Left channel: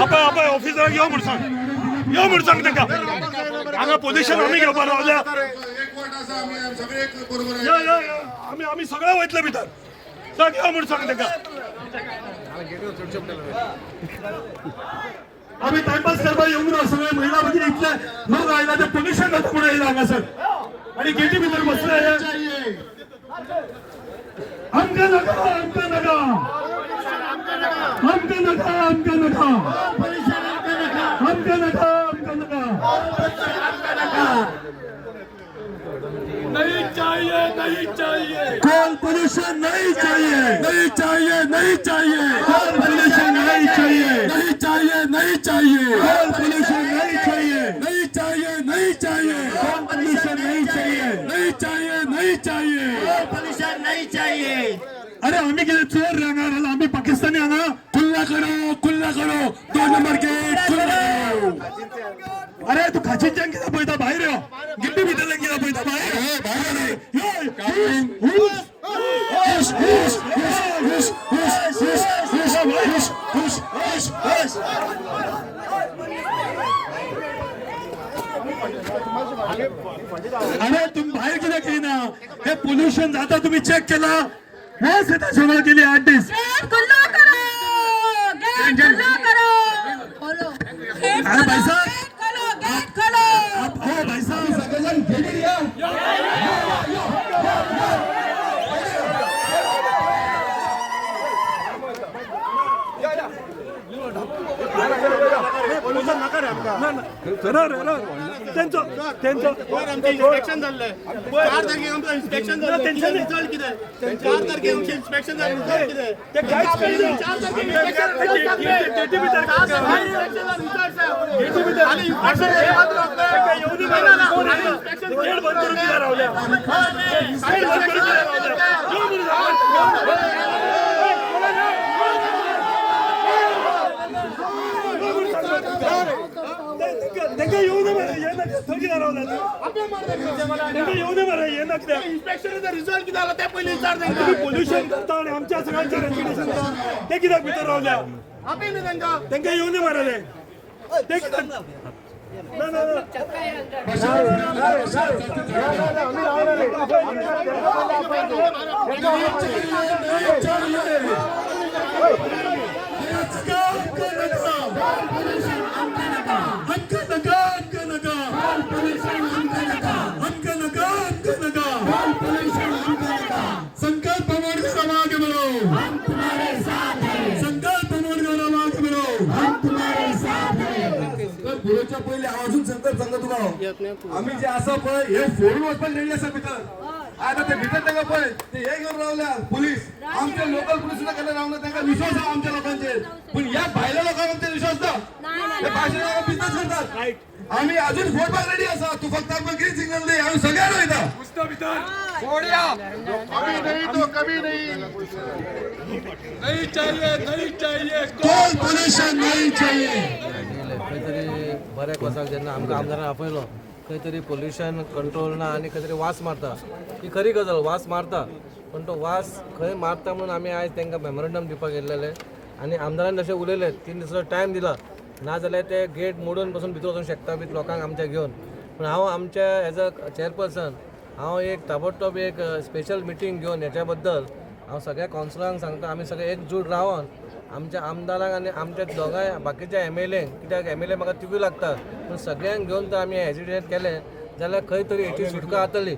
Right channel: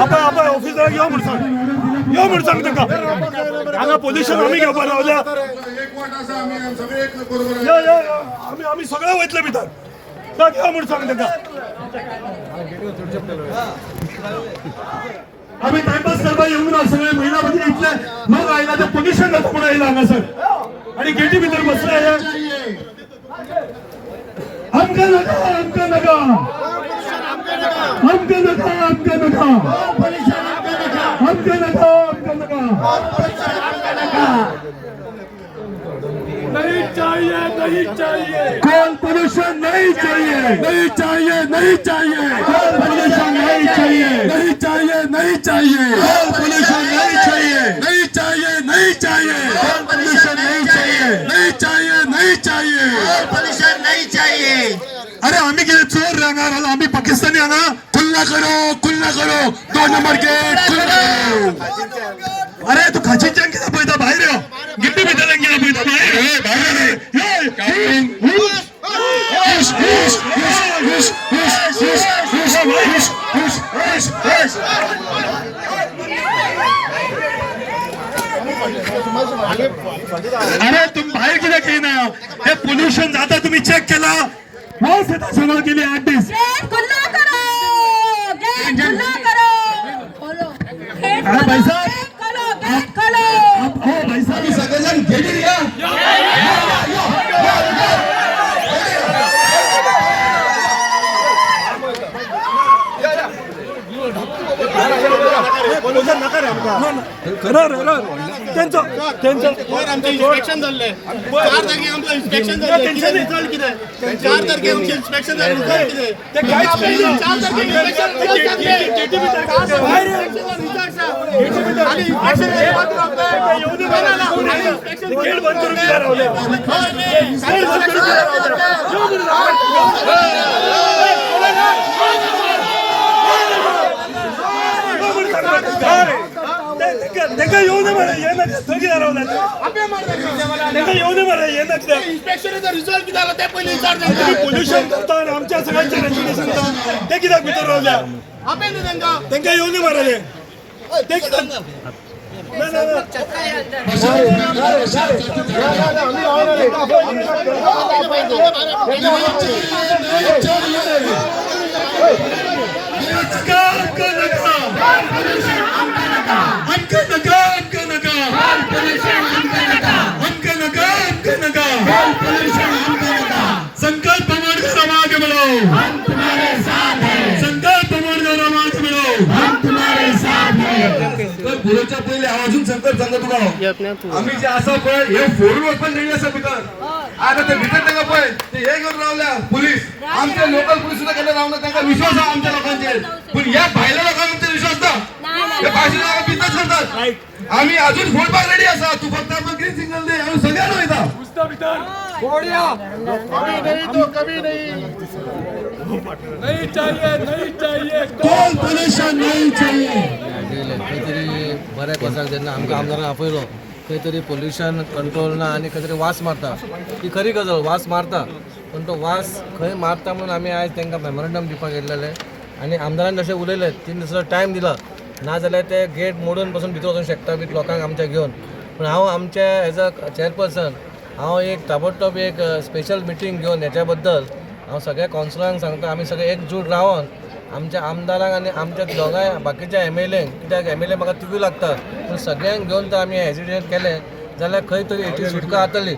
आपण ऑफिसर यो म्हणून सांग तांकां हांगा पोल्युशन आमी घेवपाक रावल्या आमी सगळे वयतले भितर ताका यो म्हणून सांग तांकां आमी टाइमपास करपाक येवंक ना सगळे महिला म्हणजे इतले लोक आयला ते पोल्युशन जाता म्हणून येयला हांगासर आणि गेटी भितर बसले आमकां नाका आमकां नाका आमकां नाका आमकां नाका आमकां नाका आमकां नाका नहीं चाहिए नहीं चाहिए कोल पोल्यूशन नहीं चाहिए नहीं चाहिए नहीं चाहिए कोल पोल्यूशन नहीं चाहिए नहीं चाहिए नहीं चाहिए कोल पोल्यूशन नहीं चाहिए नहीं चाहिए नहीं चाहिए कोल पोल्यूशन नहीं चाहिए नहीं चाहिए नहीं चाहिए कोल पोल्यूशन नहीं चाहिए अरे आम्ही किती चोर राहणार आम्ही पाकिस्तानी हांगा खुल्ला करो 2 नंबर गेट खुल्ला अरे तू खाचींच्यान कित्याक पळयता भायर यो गिड्डी भितरल्यान कित्याक पळयता भायर अरे तुम्ही बाहेर कित्याक येयना हे पोल्युशन जाता तुम्ही चेक केला वास येता सगळं गेली 8 दीस भाई साहब भाई साहब सगळेजण गेली या इन्स्पेक्शन झाले 4 तारखेक आमचं इन्स्पेक्शन झाले रिझल्ट किती 4 तारखेक आमचे इन्स्पेक्शन झाले रिझल्ट किती ते काहीच नाही 4 तारखेक इन्स्पेक्शन रिझल्ट आणि इन्स्पेक्शन हे मात्र आपलं येऊन इन्स्पेक्शन गेट बंद करून दिला रावले गेट बंद करून दिला इन्स्पेक्शनचा रिझल्ट किती आला ते पहिले विचारता पोल्युशन करता आणि आमच्या सगळ्यांच्या रेसिडेन्सी ते कित्याक भितर रावल्या आपे न्ही तांकां येवं दी मारले ते संकल्प समाज मिलो हम तुम्हारे साथ हैं संकल्प समाज मिलो हम तुम्हारे साथ हैं तर पुढच्या पहिले अजून संकल्प सांगतो तुला आम्ही जे असं पण हे फोडून पण नाही असं भितर आता ते भितर त्यांना पण ते हे घेऊन रावल्या पोलीस आमचे लोकल पोलीस सुद्धा कडे रावलं त्यांना विश्वास आहे आमच्या लोकांचे पण या बायला लोकांना आमचा विश्वास ना हे भाषेला लोक बिंदास करतात आम्ही अजून फोडबाग रेडी असा तू फक्त आपण ग्रीन सिग्नल दे आम्ही सगळ्यांना येता पुस्तक भितर फोडिया कभी नहीं तो कभी नहीं नहीं चाहिए कोल पोल्यूशन नहीं चाहिए खंयतरी बऱ्याक वर्साक जेन्ना आमकां आमदारान आपयलो खंय तरी पोल्युशन कंट्रोल ना आनी खंय तरी वास मारता ही खरी गजाल वास मारता पण तो वास खंय मारता म्हणून आमी आयज तांकां मेमोरंडम दिवपाक गेल्लेले आनी आमदारान जशें उलयले 3 दिसाचो टायम दिला नाजाल्यार ते गेट मोडून पासून भितर वचूंक शकता विथ लोकांक आमच्या घेवन पूण हांव आमचे एज अ चेअरपर्सन हांव एक ताबडतोब एक स्पेशल मिटींग घेवन हेच्या बद्दल हांव सगळ्या कावन्सिलरांक सांगता आमी सगळे एकजूट रावन आमच्या आमदारांक आनी आमच्या दोगांय बाकीच्या MLAंक कित्याक MLA म्हाका तिगूय लागता पूण सगळ्यांक घेवन जर आमी हेजिटेट केलें जाल्यार खंय तरी हेची सुटका जातली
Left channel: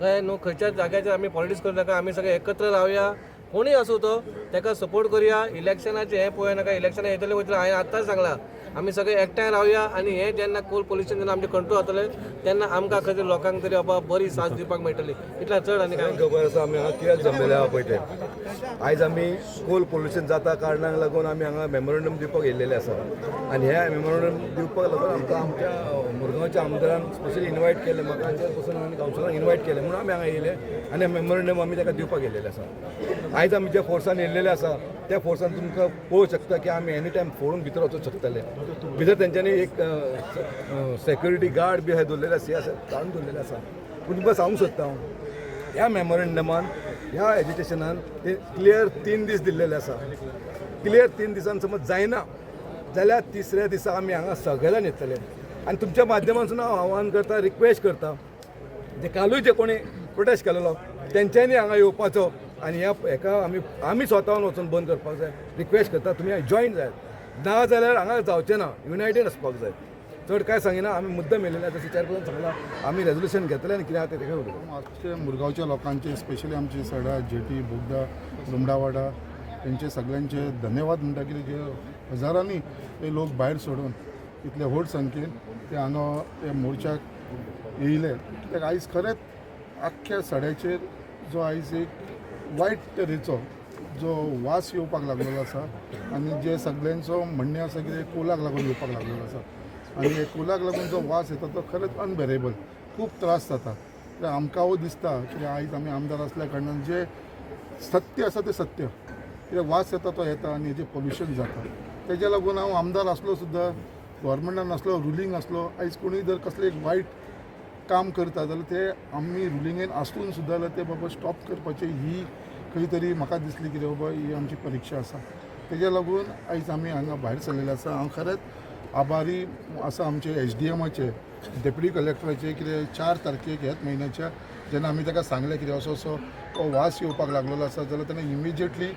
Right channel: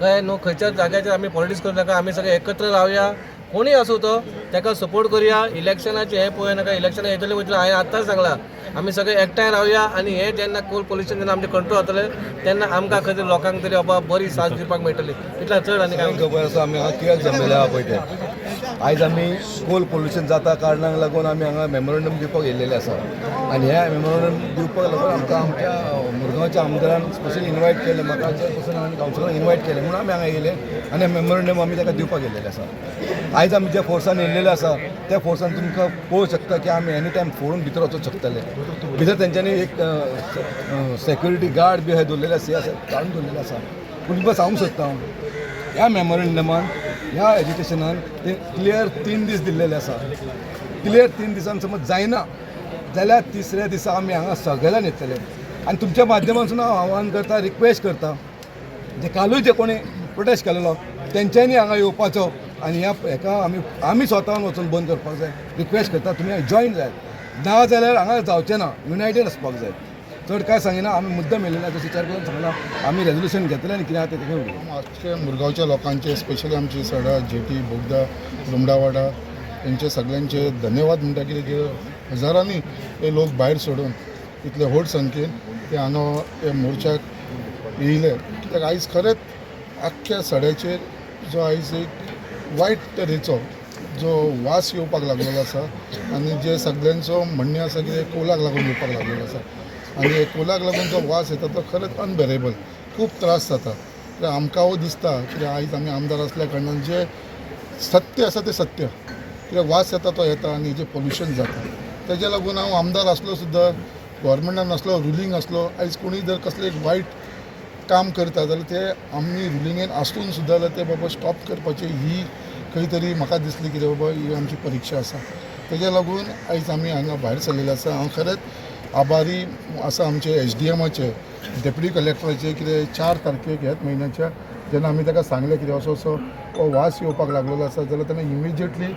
कळ्ळें न्हू खंयच्याच जाग्याचेर आमी पॉलिटिक्स करूं नाका आमी सगळे एकत्र रावया कोणी असो तो ताका सपोर्ट करुया इलेक्शनाचे हे पळय नाका इलेक्शनाक येतले वयतले हांवें आतांच सांगलां आमी सगळे एकठांय रावया आनी हे जेन्ना कोल पोल्युशन जेन्ना आमचे कंट्रोल जातले तेन्ना आमकां खंय तरी लोकांक तरी बाबा बरी साथ दिवपाक मेळटली इतल्या चड आनी कांय खबर आसा आमी हांगा कित्याक जमलेले आहा पळय ते आयज आमी कोल पोल्युशन जाता कारणाक लागून आमी हांगा मेमोरंडम दिवपाक येयल्लेले आसा आनी ह्या मेमोरंडम दिवपाक लागून आमकां आमच्या मुरगांवच्या आमदारान स्पेशली इनवायट केले म्हाका चेअरपर्सन आनी कावन्सिलरान इनवायट केले म्हणून आमी हांगा येयले आनी मेमोरंडम आमी ताका दिवपाक येयल्लेले आसा आयज आमी ज्या फोर्सान येयल्लेले आसा त्या फोर्सान तुमकां पळोवंक शकता की आमी एनी टायम फोडून भितर वचूंक शकतले भितर तेंच्यांनी एक सेक्युरिटी गार्ड बी अहे दवरलेले आसा काडून दवरलेले आसा तुमकां सांगूंक सोदता हांव ह्या मेमोरेंडमान ह्या एज्युकेशनान ते क्लियर 3 दीस दिल्लेले आसा. क्लियर 3 दिसान समज जायना जाल्यार तिसऱ्या दिसा आमी हांगा सगळ्यांनी येतले. आनी तुमच्या माध्यमांतसून हांव आव्हान करता, रिक्वेस्ट करता, जे कालूय जे कोणी प्रोटेस्ट केलेलो तेंच्यांनी हांगा येवपाचो आनी हेका आमी स्वतान वचून बंद करपाक जाय. रिक्वेस्ट करता तुमी जॉयन जाय, ना जाल्यार हांगा जावचें ना, युनायटेड आसपाक जाय. चड काय सांगिना, आमी मुद्दम येयलेना, जशें चेअरपर्सन सांगला आमी रेजोल्युशन घेतलें आनी कितें आसा तें उलयलें. आजचे मुरगांवच्या लोकांचे स्पेशली आमची सडा जेटी बोगदा रुमडावाडा यांचे सगळ्यांचे धन्यवाद म्हणटा कितें जे हजारांनी हे लोक भायर सोडून इतले व्हड संख्येन ते हांगा हे मोर्चाक येयले. कित्याक आयज खरेंच आख्ख्या सड्याचेर जो आयज एक वायट तरेचो जो वास येवपाक लागलेलो आसा आनी जे सगळ्यांचो म्हणणें आसा की कोलाक लागून येवपाक लागलेलो आसा आनी हे कोलाक लागून जो वास येता तो खरेंच अनबेरेबल, खूब त्रास जाता. तर आमकां हो दिसता कित्याक आयज आमी आमदार आसल्या कारणान जे सत्य आसा तें सत्य, कित्याक वास येता तो येता आनी हेजें पोल्युशन जाता. तेज्या लागून हांव आमदार आसलो सुद्दां, गव्हर्मेंटान आसलो, रुलींग आसलो, आयज कोणी जर कसलें एक वायट काम करता जाल्यार ते आमी रुलिंगेन आसून सुद्दां जाल्यार ते बाबा स्टॉप करपाची ही खंय तरी म्हाका दिसली की बाबा ही आमची परिक्षा आसा. तेज्या लागून आयज आमी हांगा भायर सरलेले आसा. हांव खरेंच आभारी आसा आमचे SDMचे, डेप्युटी कलेक्टराचे, कितें 4 तारखेक ह्याच म्हयन्याच्या जेन्ना आमी ताका सांगलें कितें असो असो हो वास येवपाक लागलेलो आसा जाल्यार ताणें इमिजिएटली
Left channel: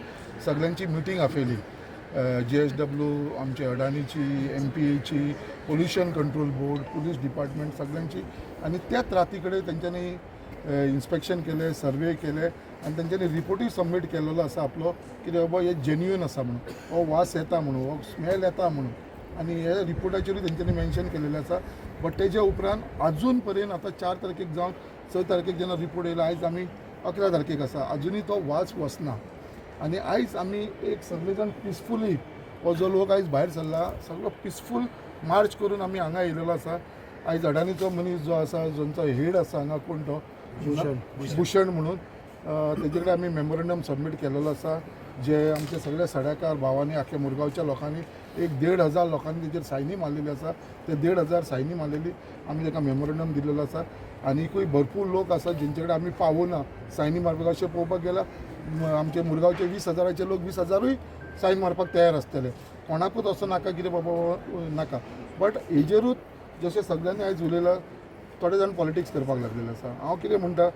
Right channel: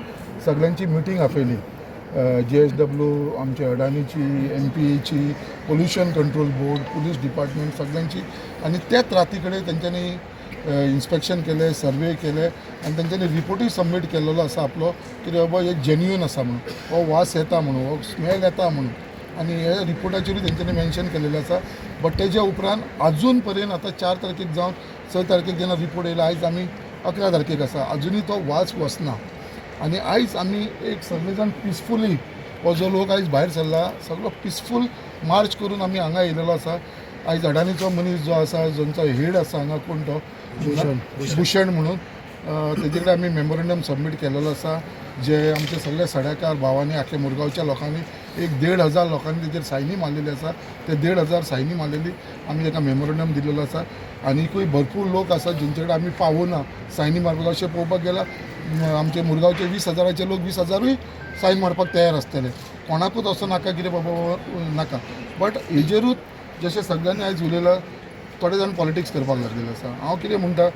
सगळ्यांची मिटींग आपयली. JSW, आमचे अडानीची, MPAची, pollution control board, police department सगळ्यांची, आनी त्याच राती कडेन तेंच्यांनी इन्स्पेक्शन केलें, सर्वे केले आनी तेंच्यांनी रिपोर्टूय सबमीट केलेलो आसा आपलो कितें बाबा हे जेन्युइन आसा म्हणून, हो वास येता म्हणून, हो स्मेल येता म्हणून, आनी हे रिपोर्टाचेरूय तेंच्यांनी मेन्शन केलेलें आसा. बट तेज्या उपरांत अजून पर्यंत आतां 4 तारखेक जावन 6 तारखेक जेन्ना रिपोर्ट येयला, आयज आमी 11 तारखेक आसा, अजुनूय तो वास वचना. आनी आयज आमी एक सगळे जाण पिसफुली हो जो लोक आयज भायर सरला सगळो पिसफूल मार्च करून आमी हांगा येयलेलो आसा. आयज अडानीचो मनीस जो आसा, जोंचो हेड आसा हांगा, कोण तो भूषण म्हणून, तेजे कडेन आमी मेमोरेंडम सबमीट केलेलो आसा. जे आमचे सगळे सड्याकार भावांनी, आख्या मुरगांवच्या लोकांनी, एक 1,500 लोकांनी तेजेर सायनी मारलेली आसा. ते 1,500 सायनी मारलेली आमी ताका मेमोरेंडम दिलेलो आसा. आनीकूय भरपूर लोक आसा जेंचे कडेन आमी पावूना सायनी मारपाक. अशें पळोवपाक गेल्यार आमचे मुरगांवचे 20,000चे लोक 20,000य सायन मारपाक तयार आसतले. कोणाकूच असो नाका कितें बाबा नाका. बट हेजेरूच जशें सगळ्यांनी आयज उलयलां, थोडे जाण पॉलिटिक्स करपाक लागलेले आसा. हांव कितें म्हणटा,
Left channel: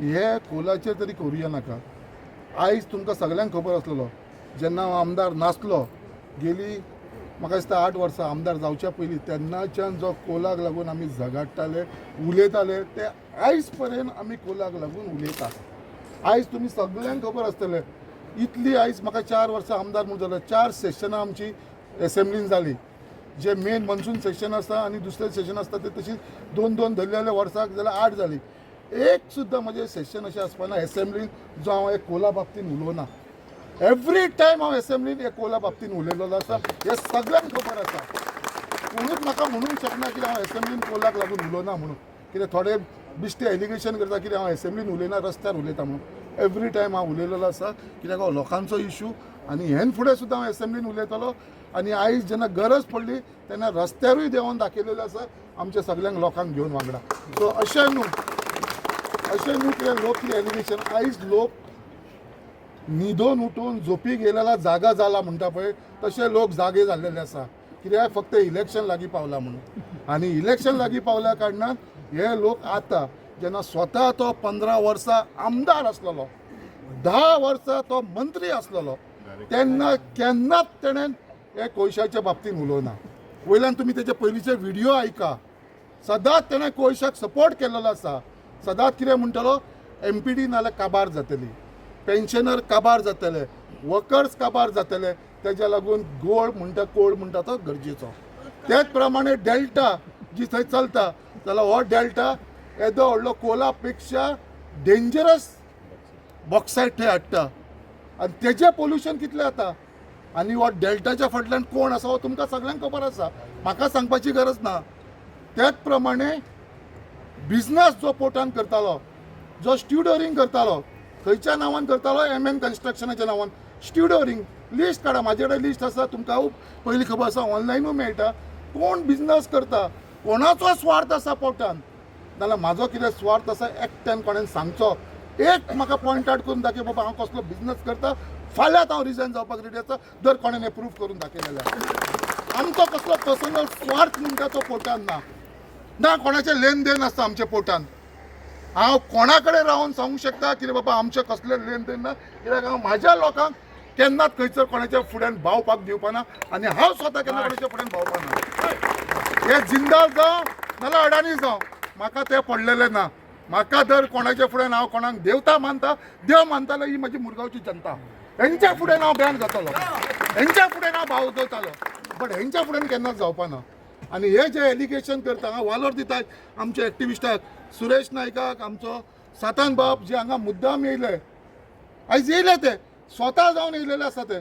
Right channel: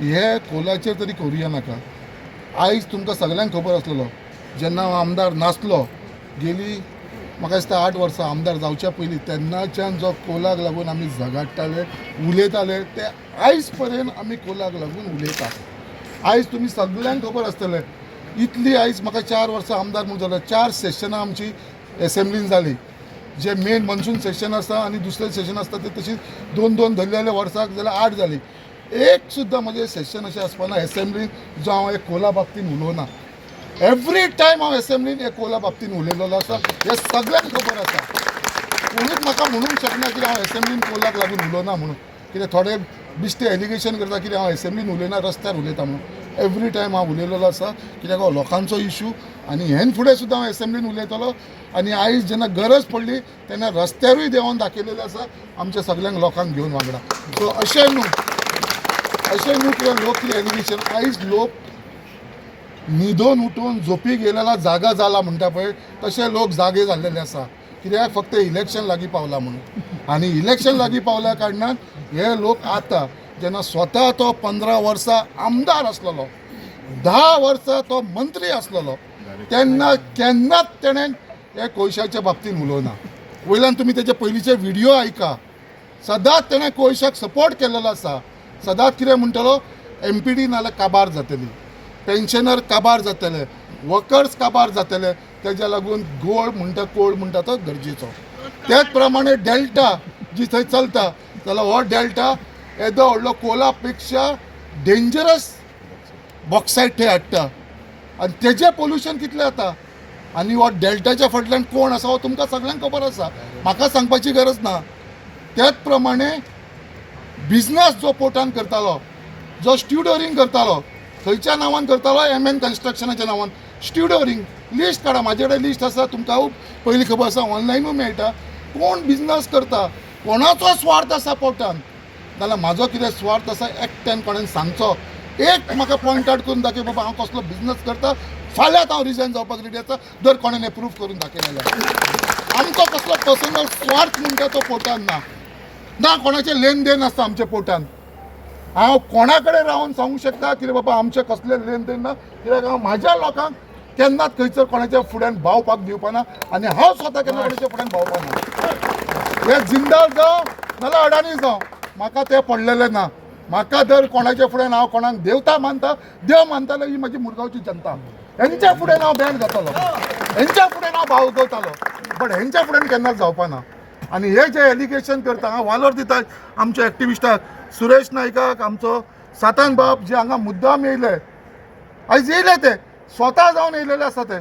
हे कोलाचेर तरी करुया नाका. आयज तुमकां सगळ्यांक खबर आसलेलो, जेन्ना हांव आमदार नासलो, गेली म्हाका दिसता 8 वर्सां आमदार जावच्या पयलीं, तेन्नाच्यान जो कोलाक लागून आमी झगडटाले, उलयताले, ते आयज पर्यंत आमी कोलाक लागून उलयता. आयज तुमी सगळ्यांक खबर आसतलें, इतली आयज म्हाका 4 वर्सां आमदार म्हणून जालें, 4 सेशनां आमची एसेंब्लीन जाली. जे मेन मनसून सेशन आसा आनी दुसरें सेशन आसता ते तशीच 2-2 धरलेले वर्साक जाल्यार 8 जाली. एक सुद्दां म्हजें सेशन अशें आसपाना एसेंब्लीन जो हांव एक कोला बाबतीन उलोवना. एवरी टायम हांव एसेंब्लीन एक कोला बाबतीन उलयलेलो आसा, हे सगळ्यांक खबर आसा. कोणूच म्हाका म्हणूंक शकना की हांव एसेंब्लीन कोलाक लागून उलोवना म्हणून. कितें थोडे बिश्टे एलिगेशन करता की हांव एसेंब्लीन उलयना, रस्त्यार उलयता म्हणून. एवरी टायम हांव उलयलेलो आसा, कित्याक हो लोकांचो इशू आनी हेन फुडें सुद्दां हांव एसेंब्लीन उलयतलो. आनी आयज जेन्ना गरज पडली तेन्ना रस्त्यारूय देंवन दाखयलेलें आसा आमच्या सगळ्यांक लोकांक घेवन वांगडा. सो अशें न्हू कितें लोक कितें एलिगेशन, आयज लोक न्हिदोन उठून झोपीक येयलेला जागा जाला म्हणटा पळय, तशे लोक जागे जाल्लेले आसा. कित्याक फक्त इलेक्शन लागीं पावला म्हणून. आनी इलेक्शन लागीं पावल्या कारणान हे लोक आतां जेन्ना स्वता तो 15 वर्सां आमदार आसलेलो, 10 वर्सां तो मंत्री आसलेलो, तेन्ना केन्नाच तेणें हे कोयशाच्या बाबतीन उलोवना. वयल्यान तुमी तेजे पयलींचे व्हिडियो आयका, सदांच तेणें कोयशाक सपोर्ट केल्लो आसा. सदांच कितें म्हणटलो, MPD नाल्यार काबार जातली, पेन्शनर काबार जातले, वर्कर्स काबार जातले. तेज्या लागून गोळ म्हणटा कोळ म्हणटा तो गरजेचो. त्याच प्रमाणे डेल्टा जी थंय चलता जाल्यार हो डेल्टा येदो व्हडलो कोला पेक्षा डेंजरस बॉक्सायट थंय हाडटा आनी तेजें पोल्युशन कितलें जाता. आनी हो डेल्टाच्या फाटल्यान कोण आसा हो तुमकां सगळ्यांक खबर आसा, म्हाका सांगपाची गरज ना. त्याच प्रमाणे बिजनस जो पोर्टान करतालो, जो स्ट्युडोरींग करतालो, खंयच्या नांवान करतालो, MN कन्स्ट्रक्शनाच्या नांवान स्ट्युडोरींग. लिस्ट काडा, म्हाजे कडेन लिस्ट आसा, तुमकां पयलीं खबर आसा, ऑनलायनूय मेळटा. कोण बिजनस करता, कोणाचो स्वार्थ आसा पोर्टान. नाल्यार म्हाजो कितें स्वार्थ आसा एकट्यान कोणें सांगचो एक म्हाका पॉयंट आउट करून दाखय बाबा हांव कसलो बिझनस करता फाल्यांच हांव रिजायन जावपाक रेडी आसा जर कोणें हें प्रूफ करून दाखयलें जाल्यार आमचो कसलो पर्सनल स्वार्थ म्हणटा तो पोटान ना कोणाचें लेन देन आसता आमच्या पोटान हांव कोणा कडेन रावन सांगूंक शकता की बाबा आमचें कसलें लेन देन ना कित्याक हांव म्हाज्या लोकांक केन्नाच खंयसर कोणाच्या फुड्यान भावपाक दिवपाना आनी हांव स्वता केन्ना कोणाच्या फुड्यान भावपाना हे जिंदाल जावं नाल्यार अडानी जावं म्हाका तें पडलेलें ना म्हाका जर कोणाच्या फुड्यान हांव कोणाक देवता मानता देव मानतालो ही म्हजी मुरगांवची जनता हेंच्या फुड्यान हांव ब्रँड जातालो हेंच्या फुड्यान हांव भाव गवतालो बट हेंच्या फुड्यान केन्नाच जावपाना आनी हे जे एलिगेशन करता हांव वालोर दिता आमच्या एक्टिविस्टाक सुरेश नायकाक आमचो सातान बाब जे हांगा मुद्दाम येयले आयज येयले ते स्वता जावन येयलेले आसा ते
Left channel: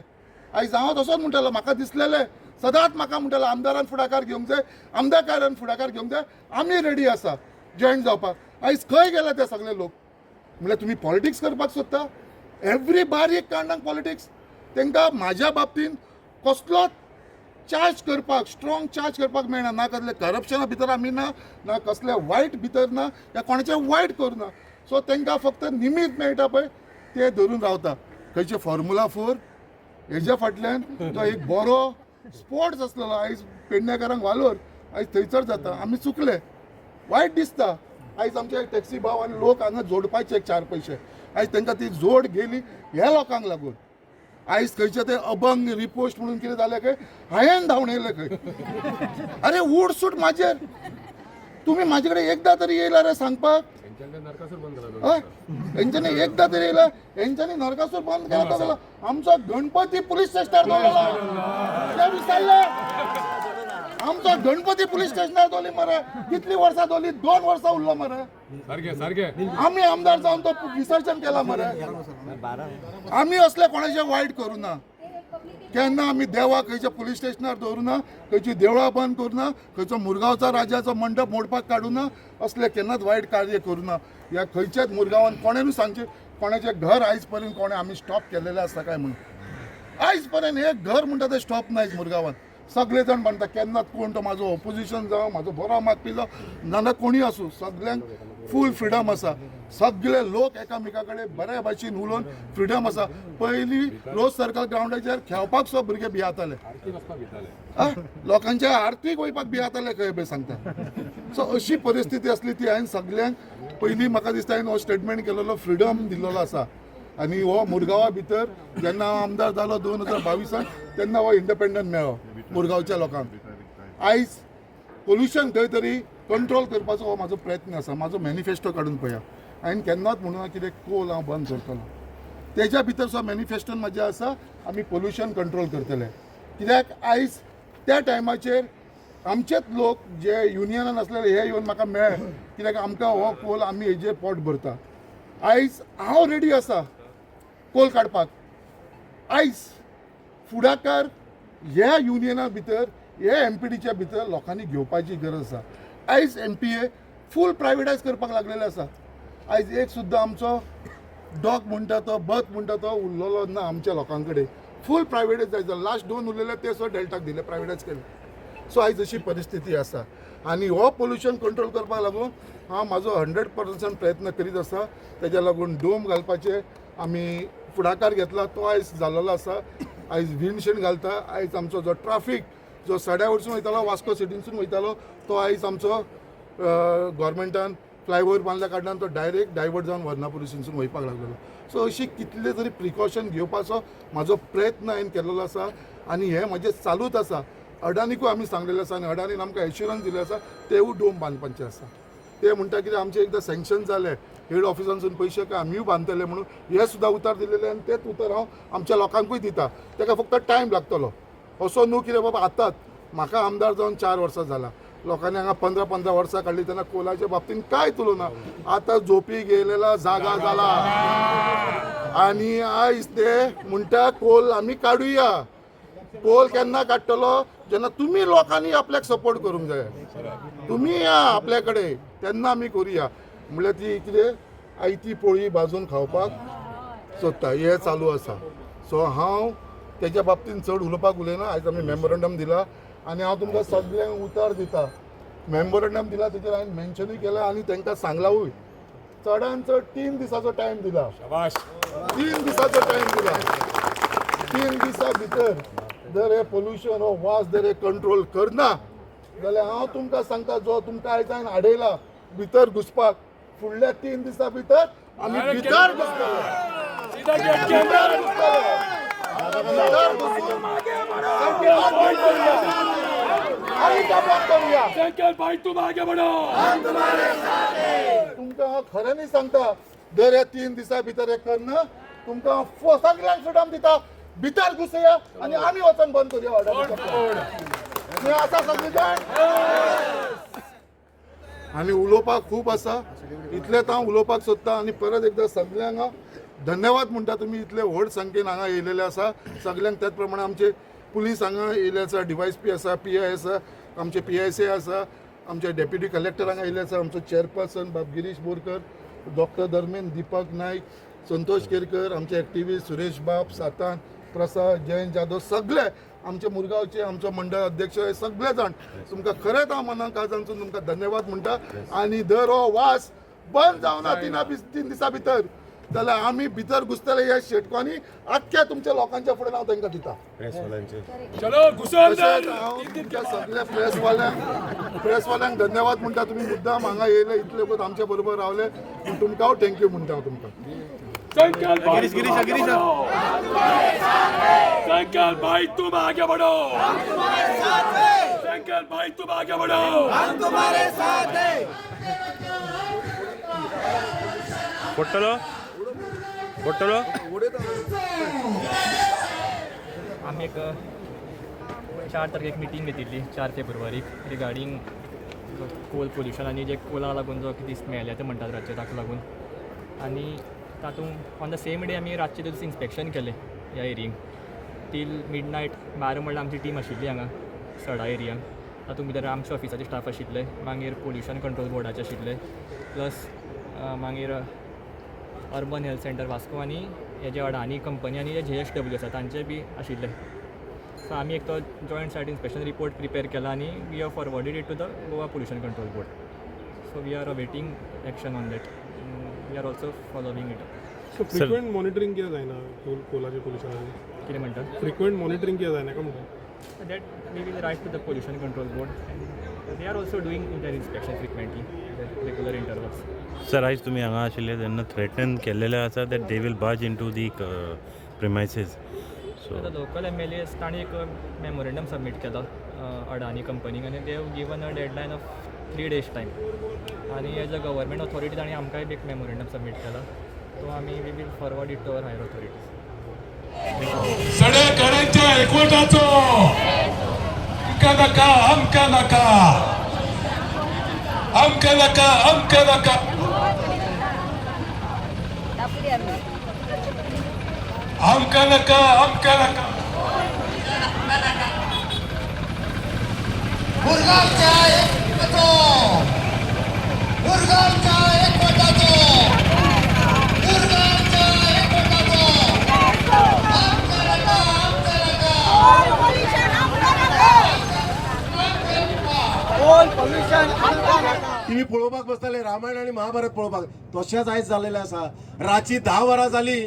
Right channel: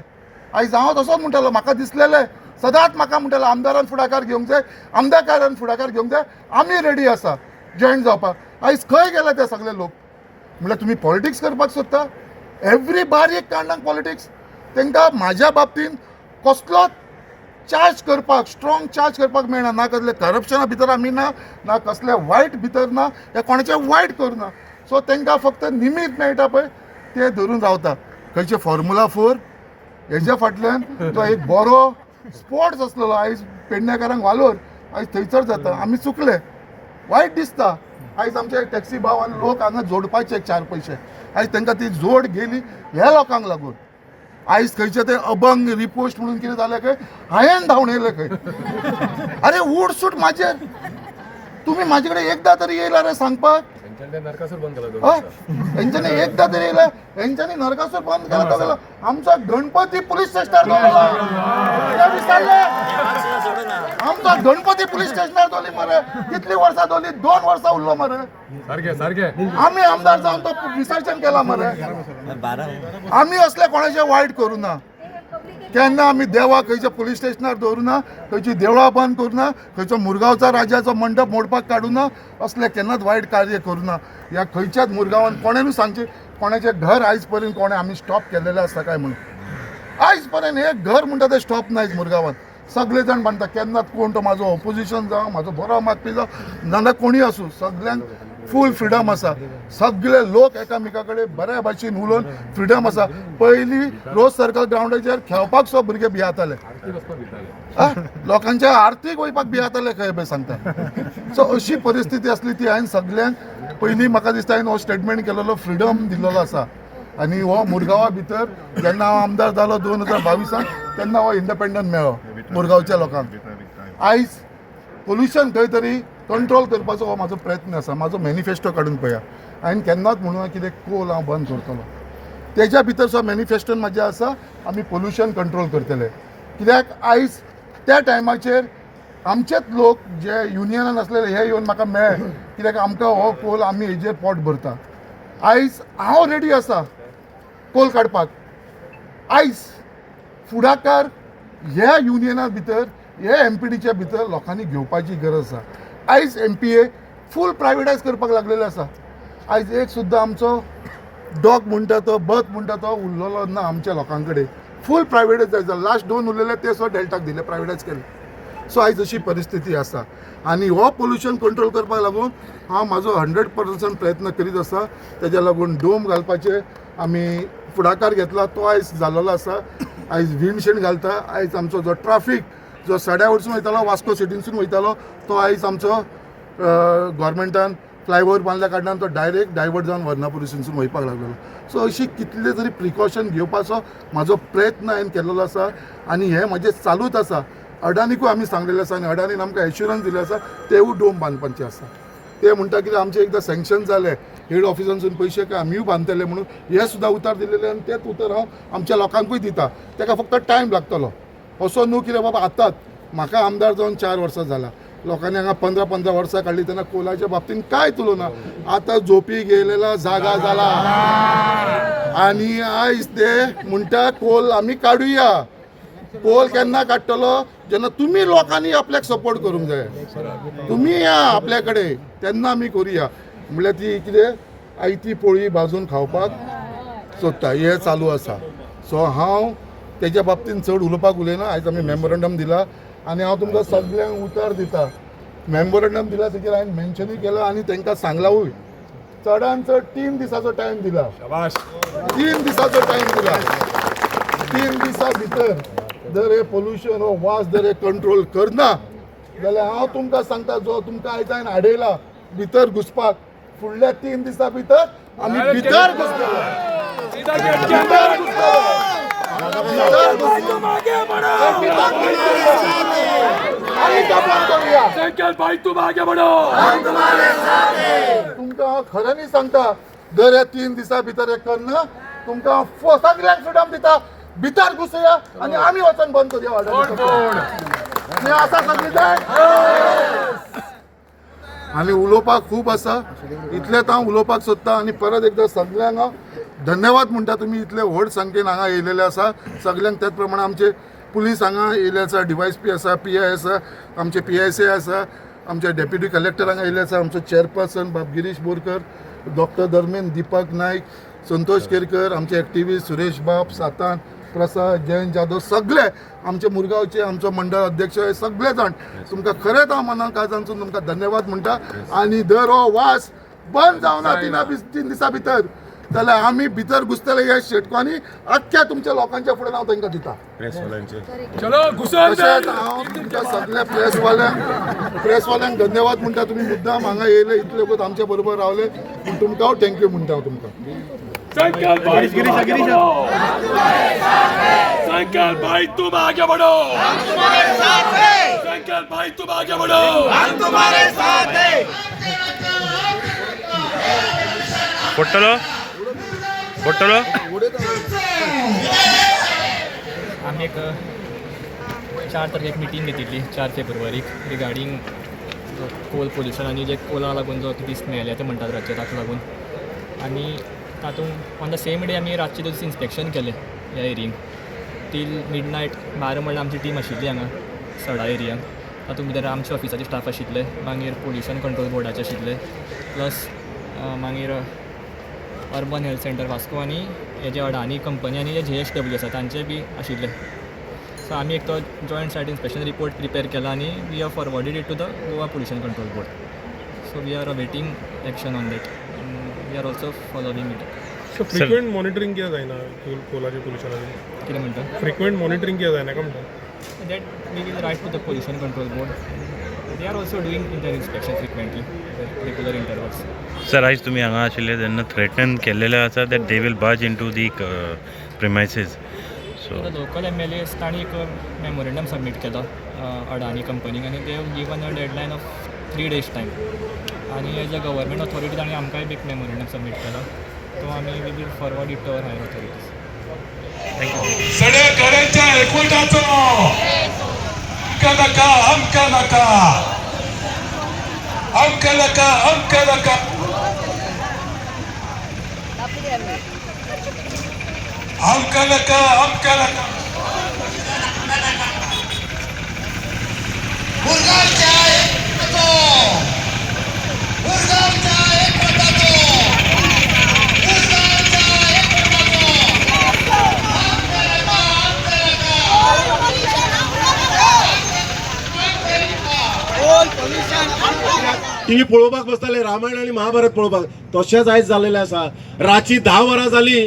आयज हांव तसोच म्हणटालो म्हाका दिसलेले सदांच म्हाका म्हणटालो आमदारान फुडाकार घेवंक जाय आमदारान फुडाकार घेवंक जाय आमी रेडी आसा जॉयन जावपाक आयज खंय गेले ते सगळे लोक म्हणल्यार तुमी पॉलिटिक्स करपाक सोदता एवरी बारीक कारणाक पॉलिटिक्स तांकां म्हाज्या बाबतींत कसलोच चार्ज करपाक स्ट्रॉंग चार्ज करपाक मेळना ना कसले करप्शना भितर आमी ना कसले वायट भितर ना या कोणाचें वायट करना सो तांकां फक्त निमीत मेळटा पळय ते धरून रावता खंयचे फॉर्मुला 4 हेज्या फाटल्यान तो एक बरो स्पोर्ट्स आसलेलो आयज पेडणेकारांक वालोर आयज थंयसर जाता आमी चुकले वायट दिसता आयज आमचे टॅक्सी भाव आनी लोक हांगा जोडपाचे 4 पयशे आयज तांकां ती जोड गेली ह्या लोकांक लागून आयज खंयचे ते अभंग रिपोस्ट म्हणून कितें जालें खंय हांवें धांवन येयलें खंय अरे उठ सूट म्हाजेर तुमी म्हाजे कडेन एकदां तरी येयला रे सांगपाक हेंच्यांनी एकदां तरी येयला हेंच्यांनी नरकासूर बंद केला तो गेलो आमचो गणपती पुलीस स्टेशनार दवरला विसरले आमचो गणपती पुलीस स्टेशनार दवरली मरे कितली वर्सां दवरली 2 वर्सां उरलो मरे आमी आमदार जावन तो विसर्जन केला मरे आमी असले कोणाचे वायट करूं ना केन्ना आमी देवाक खंयच्या पुलीस स्टेशनार दवरूं ना खंयची देवळां बंद करूं ना खंयचो मुरगांवचा राजाचो मंडप मोडपाक काडूं ना असले केन्नाच वायट कार्य करूं ना ह्या खंयच्याच मुरगांवान कोणेनूय सांगचे कोणाचें घर आयज पर्यंत कोणें आमी स्टॉप केलेलें आसा काय म्हणून आयज पर्यंत एक घर म्हणटा तें स्टॉप नायच मुरगांवान सगळे जाण म्हणटा केन्नाच कोण तो म्हाजो ऑपोजिशन जावं म्हाजो बरो मागपी जावं नाल्यार कोणीय आसूं सगळ्यांक फूल फ्रिडम आसा सगळे लोक एकामेका कडेन बऱ्या भाशेन उलोवन फ्रिडम आसा पयलीं रोज सर्कल ग्राउंडाचेर खेळपाक सुद्दां भुरगे भियाताले लोकांच्या आरतीक वयपाक भियाताले खंय पळय सांगता सो अशी परिस्थिती आसली ती हांवें सगळ्यांक पयलीं म्हाका दिसता हांवें हो स्टेटमेंट केलेलो फ्रिडम दिल्लो आसा आनी हो मुरगांवा भितर जेन्ना हांव आमदार जालो 2022 तेन्ना हो इंडिपेंडंट मेळ्ळो मुरगांवच्या लोकांक आयज पोल्युशन खंय तरी कंट्रोल करपाचो हो म्हाजो प्रयत्न आसा म्हाजो मॅनिफेस्टो काडून पळया हांवें केन्नाच म्हणून कितें कोल हांव बंद करतलो तेज्या भितर सुद्दां मॅनिफेस्टोन म्हाजें आसा आमी पोल्युशन कंट्रोल करतले कित्याक आयज त्या टायमाचेर आमचेच लोक जे युनियनान आसलेले हे येवन म्हाका मेळ्ळे कित्याक आमकां हो कोल आमी हेजेर पोट भरता आयज हांव रेडी आसा कोल काडपाक आयज फुडाकार ह्या युनियना भितर हे MPDच्या भितर लोकांनी घेवपाची गरज आसा आयज MPA फूल प्रायवेटायज करपाक लागलेले आसा आयज एक सुद्दां आमचो डॉग म्हणटा तो बथ म्हणटा तो उरलेलो ना आमच्या लोकां कडेन फूल प्रायवेटायज जाय लास्ट 2 उरलेले ते सुद्दां डेल्टाक दिले प्रायवेटायज केले सो आयज अशी परिस्थिती आसा आनी हो पोल्युशन कंट्रोल करपाक लागून हांव म्हाजो 100% प्रयत्न करीत आसा तेज्या लागून डोम घालपाचे आमी फुडाकार घेतला तो आयज जाल्लो आसा आयज विंडशील्ड घालता आयज आमचो जो ट्राफीक जो सड्या वयरसून वयतालो वास्को सिटीनसून वयतालो तो आयज आमचो गव्हर्मेंटान फ्लायओव्हर बांदल्या कारणान तो डायरेक्ट डायवर्ट जावन वर्नापुरीसून वयपाक लागलेलो सो अशी कितले तरी प्रिकॉशन घेवपाचो म्हाजो प्रयत्न हांवें केल्लो आसा आनी हें म्हाजें चालूच आसा अडानीकूय आमी सांगलेलें आसा आनी अडानीन आमकां एश्युरन्स दिलें आसा तेवूय डोम बांदपाचें आसा ते म्हणटा कितें आमचे एकदां सँक्शन जाले हेड ऑफिसांसून पयशे काय आमीय बांदतले म्हणून हे सुद्दां उतार दिलेले आनी तेच उतर हांव आमच्या लोकांकूय दिता ताका फक्त टायम लागतलो असो न्हू कितें बाबा आतांच म्हाका आमदार जावन 4 वर्सां जाला लोकांनी हांगा 15 वर्सां काडली तेन्ना कोलाच्या बाबतींत कांय तुलो ना आतां झोपी गेलेला जागा जाला आनी आयज ते म्हणटा कोल आमी काडुया कोल केन्ना काडटलो जेन्ना तुमी लोकांनी आपल्याक सपोर्ट करूंक जाय तुमी या आपल्या कडेन तेन्ना आमी करुया म्हणल्यार ती कितें आयती पोळी भाजून खावपाक सोदता हे चालू आसा सो हांव तेज्या बाबतींत चड उलोवपाक उलयना आयज आमी मेमोरंडम दिला आनी हांव तुमकां सगळ्यांक उतर दिता मेमोरंडम दिला तेजेर हांवें मेन्शनूय केला आनी तांकां सांगलावूय चडान चड 3 दिसाचो टायम दिला 3 दिसाचो टायम दिला 3 दिसां भितर जर हे पोल्युशन हो वास जर हे कंट्रोल करना जाल्यार हांव तुमकां सांगता जो तुमकां आयज हांवें आडयला भितर घुसपाक फुडल्या 3 दिसां भितर आमी भितर घुसतलो भितर घुसून आनी कापां करूया संकेत भाई तुम आगे बढ़ो तुमकां खऱ्यांनी सांगता दर हे 3 दिसां भितर हे करना तुमकां सगळ्यांक फ्रिडम दिता भितर घुसया आनी आमी वचून बंद करूया वाड्यार आसा सगळी जाण आनी उलोवपाक खूब आसा इतलेंच हांव उलोवपाक सोदतां आनी परत एकदां सगळ्यांक हांव धन्यवाद म्हणटा तुमी इतले व्हड संख्येन हांगा येयलेले आसा सगळ्यांक त्याच प्रमाणे आमचे पुलीस हांगा येयले आसा DYSP आसा PI आसा आमचे PSA आसा आमचे डेप्युटी कलेक्टर हांगा येयले आसा आमचो चेअरपर्सन गिरीश बोरकर डॉक्टर धर्मेंद्र दीपक नायक संतोष केरकर आमचे एक्टिविस्ट सुरेश बाब सातान प्रसाद जयंत जाधव सगळे आमचे मुरगांवचे आमचो मंडळ अध्यक्ष हे सगळे जाण तुमकां खरेंच हांव मनाक काळजांतसून तुमकां धन्यवाद म्हणटा आनी दर हो वास बंद जावना 3 दिसां भितर जाल्यार आमी भितर घुसतले ह्या शेटकांनी आख्ख्या तुमच्या लोकांच्या फुडें हांव तांकां दिता चलो घुसन तशेंच हांव तुमच्या सगळ्या प्रेसवाल्यांक धन्यवाद म्हणटा तुमी मुद्दाम हांगा येयले इतले वगत आमचे बरोबर रावले पूण तुमकां हांव थँक्यू म्हणटा हांव तुमकां संकेत भाई तुम आगे बढ़ो संकेत भाई तुम आगे बढ़ो संकेत भाई तुम आगे बढ़ो पट्टलो आम्ही एक 4 तारखेक मिटींग घेतिल्ली 4 फेब्रुवारीक रिगार्डींग कोल पोल्युशन आनी जे कोला लागून जो दीस मेळ्ळे ते म्हणटात रातचे ताका लागून आनी तातूंत ऑन द सेम डे आमी रातचे दीस इन्स्पेक्शन केलें ह्या एरियेक टील मिडनायट 12 म्हणल्यार आमची टीम आशिल्ली हांगा सडा एरियान तातूंत भितर आमचे ऑफिसाचे स्टाफ आशिल्ले मागीर पोल्युशन कंट्रोल बोर्डाचे आशिल्ले प्लस मागीर अर्बन हेल्थ सेंटर वास्को आनी हे जे अडानी कंपनी आनी जे JSW आसा तांचे बी आशिल्ले सो आमी एक तो joint site inspection report prepare केला आनी we have forwarded it to the Goa pollution control board so we are awaiting action on that we are also following it so frequent monitoring कित्याक जायना कोलाचे पोल्युशनाचें कितें म्हणटा फ्रिक्वेंट मॉनिटरिंग कित्याक जायना काय म्हणटा that we will write to the pollution control board they are also doing inter inspection frequently regular intervals sir आयज तुमी हांगा आशिल्ले तेन्ना थ्रेटन केल्लेले आसा that they will barge in to the premises so the local MLAs तांणी एक memorandum submit केला अडानी कंपनीक आनी they have given a deadline of 3 days time आनी एज अ गव्हर्मेंट ऑथॉरिटी तांणी आमकांय बी एक मेमोरेंडम सबमीट केला तो आमी we will forward it to our higher authorities सगळ्या घरांच्या एकवटाचो अमका नका टीव्ही पळोवपाक बसताले रामायण आणि महाभारत पळोवपाक तशेंच आयज जाल्लेलें आसा रातची 10 वरां जाली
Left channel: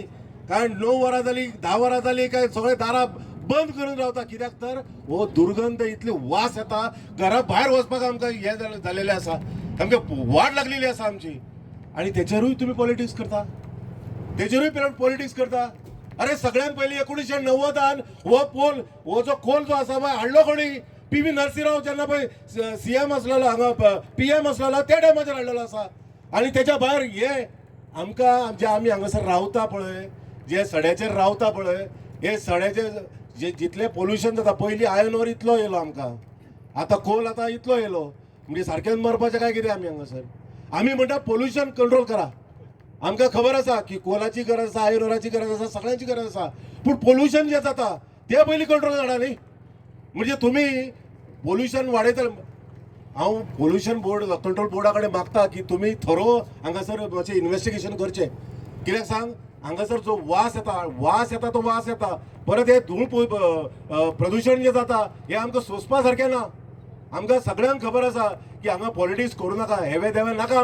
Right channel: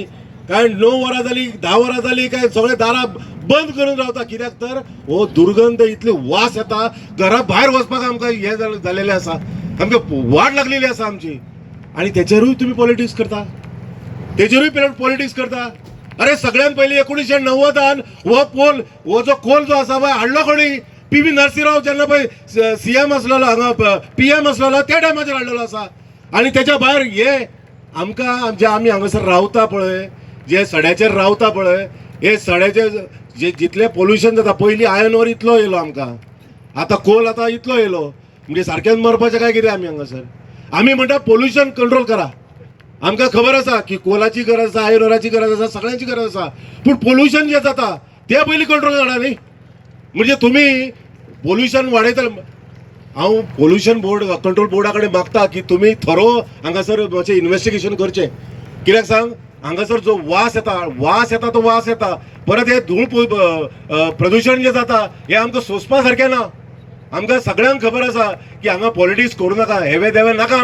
काय 9 वरां जाली 10 वरां जाली काय सगळे दारां बंद करून रावता कित्याक तर हो दुर्गंध इतली वास येता घरा भायर वचपाक आमकां हे जाल्लेलें आसा आमकां वाट लागलेली आसा आमची आणि तेचेरूय तुम्ही पॉलिटिक्स करता तेचेरूय पॉलिटिक्स करता अरे सगळ्यात पयलीं 1990 हो जो कोल जो आसा पळय हाडलो कोणी PV नरसिंहराव जेन्ना पळय CM आसलेलो हांगा PM आसलेलो त्या टायमाचेर हाडलेलो आसा आणि त्याच्या भायर हे आमकां जे आमी हांगासर रावता पळय जे सड्याचेर रावता पळय हे सड्याचे जे जितले पोल्युशन जाता पयलीं आयर्न ओर इतलो येयलो आमकां आतां कोल आतां इतलो येयलो म्हणजे सारकेंच मरपाचें काय कितें आमी हांगासर आमी म्हणटा पोल्युशन कंट्रोल करा आमकां खबर आसा की कोलाची गरज आसा आयर्न ओराची गरज आसा सगळ्यांची गरज आसा पूण पोल्युशन जे जाता ते पयलीं कंट्रोल करा न्ही म्हणजे तुम्ही पोल्युशन वाडयता हांव पोल्युशन बोर्ड कंट्रोल बोर्डा कडेन मागता की तुमी थरो हांगासर मातशें इन्वेस्टिगेशन करचें कित्याक सांग हांगासर जो वास येता तो वास येता परत हे धूळ प्रदूषण जे जाता हे आमकां सोंसपा सारकें ना आमकां सगळ्यांक खबर आसा की हांगा पॉलिटिक्स करूं नाका, हेवे देवे नाका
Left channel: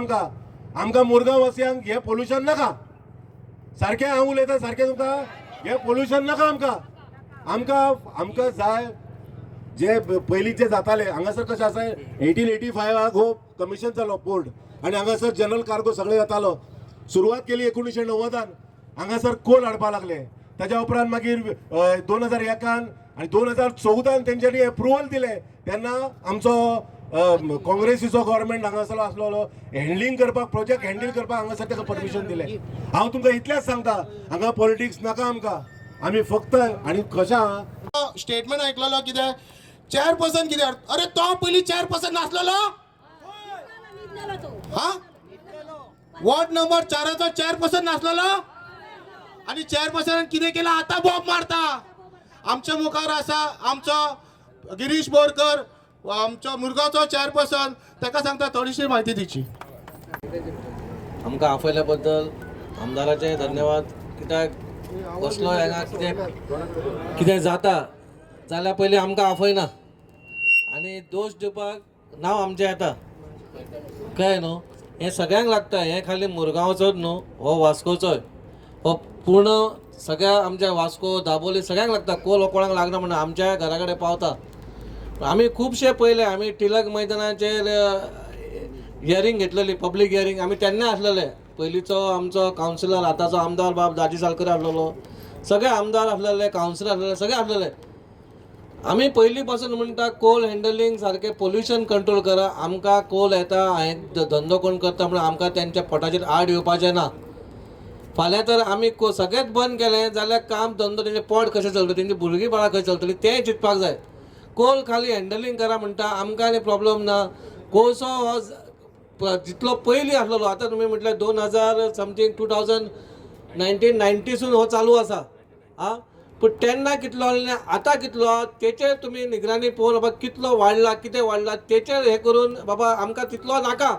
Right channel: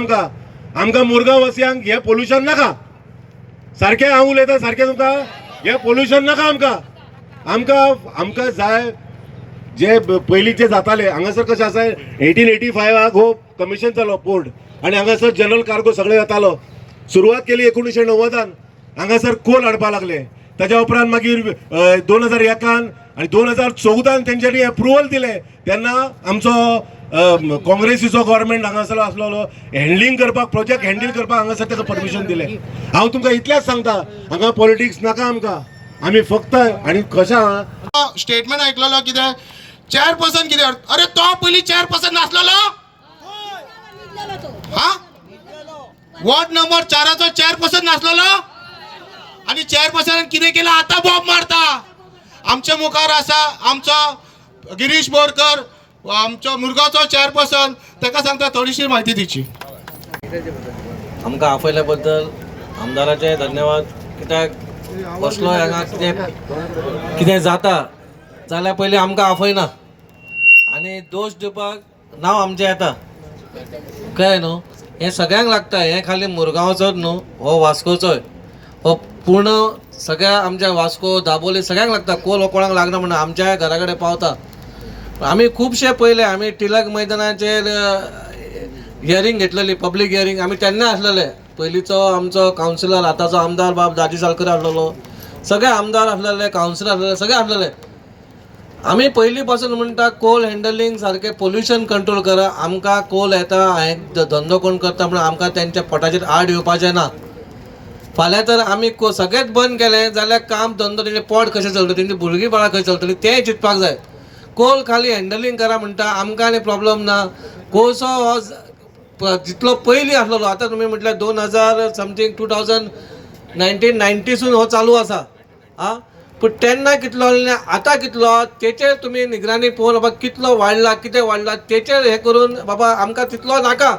आमकां मुरगांव वासियांक हे पोल्युशन नाका. सारकें हांव उलयतां सारकें तुमकां, हे पोल्युशन नाका आमकां जाय जे पयलींचे जाताले. हांगासर कशें आसा 1885 हो कमिशन जालो पोर्ट आनी हांगासर जनरल कार्गो सगळे येतालो. सुरवात केली 1990. हांगासर कोल हाडपा लागले. ताच्या उपरांत मागीर 2001 आनी 2014 तेंच्यांनी अप्रुवल दिले. तेन्ना आमचो काँग्रेसीचो गव्हर्मेंट हांगासर आसलो हँडलिंग करपाक, प्रोजेक्ट हँडल करपाक हांगासर ताका परमिशन दिले. हांव तुमकां इतलेंच सांगता, हांगा पॉलिटिक्स नाका आमी फक्त. आनी कशें स्टेटमेंट ऐकलेलो कितें चेअरपर्सन कितें अरे तो पयलीं चेअरपर्सन नासलेलो हा वॉर्ड नंबर 4 चेअरपर्सन नासलेलो आणि चेअरपर्सन कितें केलं आता बॉब मारता. आमच्या मुखार आसा आमचो गिरीश बोरकर, आमचो मुरगांवचो चेअरपर्सन, ताका सांगता थोडीशी म्हायती दिवची. आमकां आपयल्या बद्दल आमदाराचे धन्यवाद. कित्याक बसलो हांगा कितें जाता जाल्यार पयलीं आमकां आपयना आनी दोश दिवपाक नांव आमचें येता. कळ्ळें न्हू, हें सगळ्यांक लागता. हें खाली मुरगांवचोच न्हू, हो वास्कोचोय, हो पूर्ण सगळ्या आमच्या वास्को दाबोली सगळ्यांक लागता. कोल हो कोणाक लागना म्हणून आमच्या घरा कडेन पावता. आमी खुबशे पयले आमी टिळक मैदानाचेर हियरींग घेतलेली, पब्लीक हियरींग. आमी तेन्ना आसलेले. पयलींचो आमचो कावन्सिलर, आतांचो आमदार बाब दाजी सालकर आसलेलो, सगळे आमदार आसलेले, कावन्सिलर आसलेले, सगळे आसलेले. आमी पयलीं पासून म्हणटा कोल हँडलिंग सारकें पोल्युशन कंट्रोल करा. आमकां कोल येता, हांवें धंदो कोण करता म्हणून आमकां तेंच्या पोटाचेर आड येवपाचें ना. फाल्यां तर आमी सगळेंच बंद केलें जाल्यार काम धंदो तेंचें पोट कशें चलतलें, तेंची भुरगीं बाळां खंय चलतलीं तें चिंतपाक जाय. कोल खाली हँडलिंग करा म्हणटा आमकां आनी प्रॉब्लम ना. कोळसो हो जितलो पयलीं आसलेलो, आतां तुमी म्हटल्यार 2000 समथींग 1990सून हो चालू आसा. पूण तेन्ना कितलो आतां कितलो तेचेर तुमी निगराणी पळोवन बाबा कितलो वाडला, कितें वाडला तेचेर हें करून बाबा आमकां तितलो नाका.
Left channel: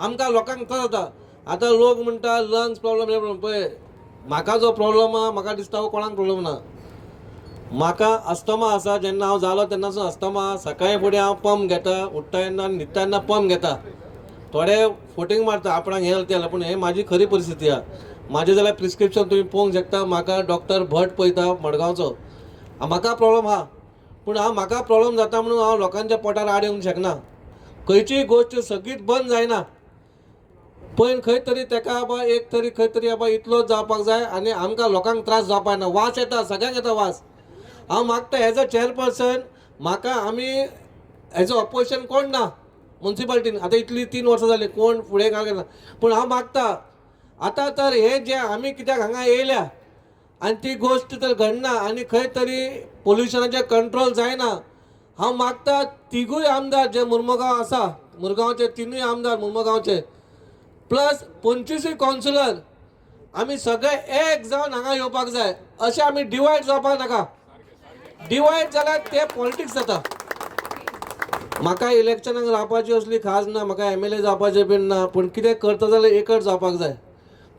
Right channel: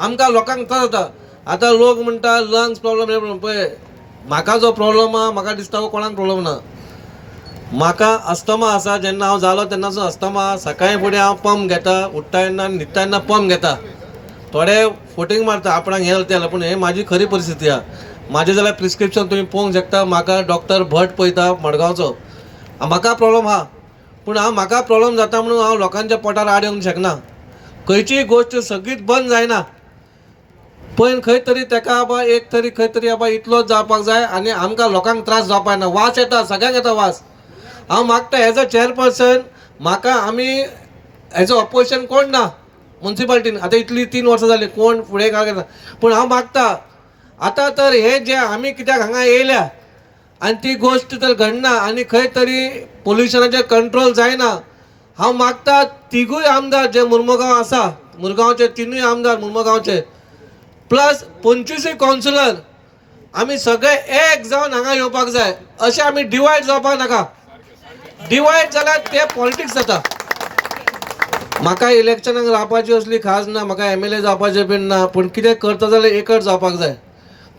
आमकां लोकांक त्रास जाता. आतां लोक म्हणटा लंग्स प्रॉब्लम पळय, म्हाका जो प्रॉब्लम आहा म्हाका दिसता हो कोणाक प्रॉब्लम ना. म्हाका अस्थमा आसा. जेन्ना हांव जालो तेन्नाचो अस्थमा. सकाळीं फुडें हांव पंप घेता, उठ्ठा तेन्ना न्हिदता तेन्ना पंप घेता. थोडे फोटींग मारता आपणाक हें जालें, पूण हें म्हाजी खरी परिस्थिती आहा. म्हाजें जाल्यार प्रिस्क्रिप्शन तुमी पळोवंक शकता. म्हाका डॉक्टर भट पळयता मडगांवचो. म्हाका प्रॉब्लम आहा, पूण म्हाका प्रॉब्लम जाता म्हणून हांव लोकांच्या पोटार आड येवंक शकना. खंयचीय गोश्ट सगळीच बंद जायना. पण खंय तरी ताका बाबा एक तरी खंय तरी बाबा इतलोच जावपाक जाय आनी आमकां लोकांक त्रास जावपाक ना. वास येता, सगळ्यांक येता वास. हांव मागता एज अ चेअरपर्सन म्हाका आमी हेजो अपोजिशन कोण ना म्युन्सिपाल्टीन. आतां इतली 3 वर्सां जालीं कोण फुडें कांय ना. पूण हांव मागता आतां तर हे जे आमी कित्याक हांगा येयल्या आनी ती गोश्ट तर घडना आनी खंय तरी पोल्युशनाचेर कंट्रोल जायना. हांव मागता तिगूय आमदार जे मुर्मुगांव आसा, मुरगांवचे 3 आमदार मुर्मुगांवचे प्लस 25 कावन्सिलर, आमी सगळे एक जावन हांगा येवपाक जाय. अशें आमी डिवायड जावपाक नाका. डिवायड जाल्यार ते पॉलिटिक्स जाता. म्हाका इलेक्शनाक रावपाची असली खास ना, म्हाका MLA जावपाचें बीन ना. पूण कितें करता जाल्यार एकच जावपाक जाय.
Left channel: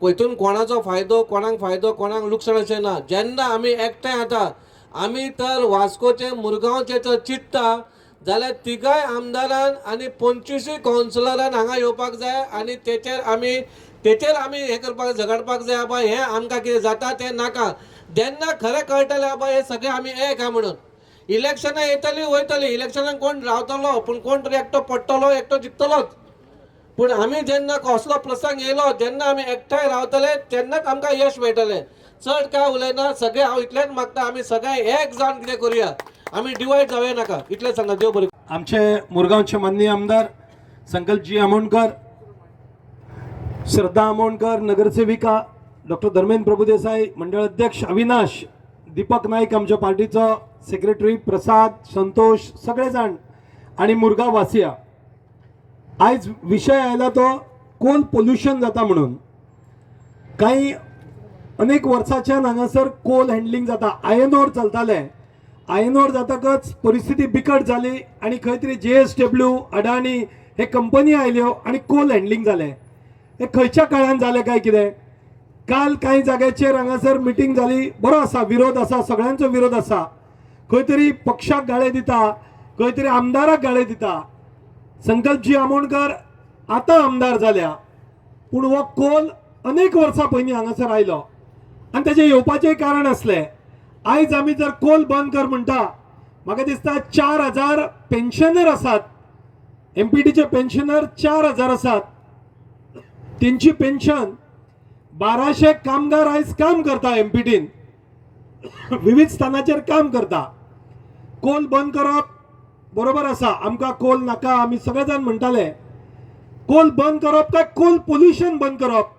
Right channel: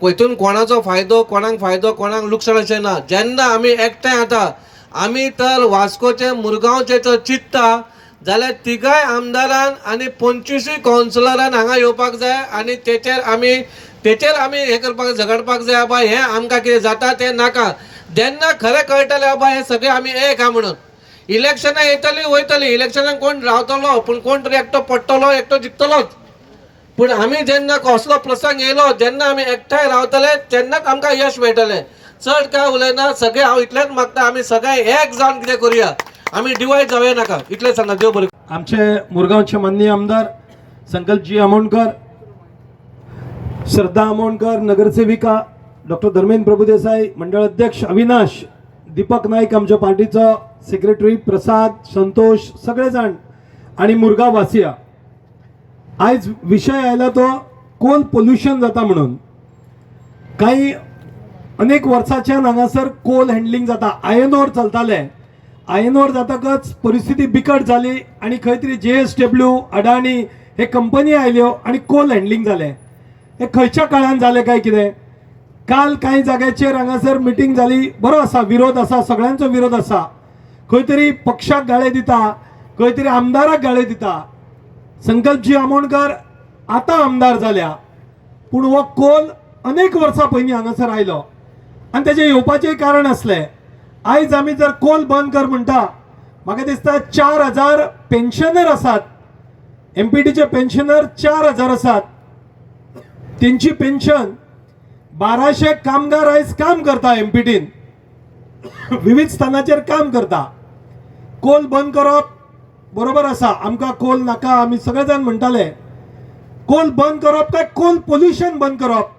हितून कोणाचो फायदो, कोणाक लुकसाण अशें ना. जेन्ना आमी एकठांय जाता, आमी तर वास्कोचे मुरगांवचे तर चिंतता जाल्यार तिगाय आमदारान आनी 25 कावन्सिलरान हांगा येवपाक जाय आनी तेचेर आमी हें करपाक झगडपाक जाय. बाबा हें आमकां कितें जाता तें नाका. जेन्ना खरें कळटलें बाबा हें सगळें आमी एक आहा म्हणून. इलेक्शनां येतलीं वयतलीं, इलेक्शनाक कोण रावतलो पूण कोण तरी एकटो पडटलो, एकटो जिखतलोच. पूण आमी जेन्ना कसलो प्रसंग येयलो, जेन्ना आमी एकठांय रावतले तेन्नाच आमकां यश मेळटलें. चड काय उलयना. सगळे हांव इतलेंच मागता आमी सगळे एक जावन कितें करुया. आमी डिवायड जावया नाका. इतलें सांगा. देव बरें. आमचे मुरगांवचे माननीय आमदार संकल्पजी आमोणकर, श्रद्धा आमोणकर, नगरसेविका डॉक्टर धर्मेंद्र प्रभुदेसाई, मंडळ अध्यक्ष अविनाश, दीपक नाईक आमच्या पार्टीचो सेक्रेटरी, प्रसाद, संतोष, सगळे जाण आणि मुरगांव वासिया. आयज विषय आयला तो कोल पोल्युशन जाता म्हणून. काही अनेक वर्सांच्यान हांगासर कोल हँडलिंग जाता. आयर्न ओर चलताले. आयर्न ओर जातकच परिस्थिती बिकट जाली आणि खंय तरी JSW, अडाणी हे कंपनी आयल्यो आणि कोल हँडलिंग जालें. हे खंयच्या काळान जालें काय कितें? काल कांय जाग्याचेर हांगासर मिटींग जाली. बरो आसा, विरोध आसा, सगळ्यांचो विरोध आसा. खंय तरी पक्षाक गाळे दिता, खंय तरी आमदाराक गाळे दिता. संकल्पजी आमोणकर आता आमदार जाल्या, पूण हो कोल अनेक वर्सां पयलीं हांगासर आयलो आनी तेजें येवपाचें कारण असलें. आयज आमी जर कोल बंद कर म्हणटा, म्हाका दिसता 4,000 पेन्शनर आसात, MPTचे पेन्शनर 4,000 आसात. तेंची पेन्शन 1200 कामगार आयज काम करता MPTन, विविध स्थानाचेर काम करता. कोल बंद करप बरोबर आसा, आमकां कोल नाका आमी सगळे जाण म्हणटाले. कोल बंद करप काय कोल पोल्युशन बंद करप?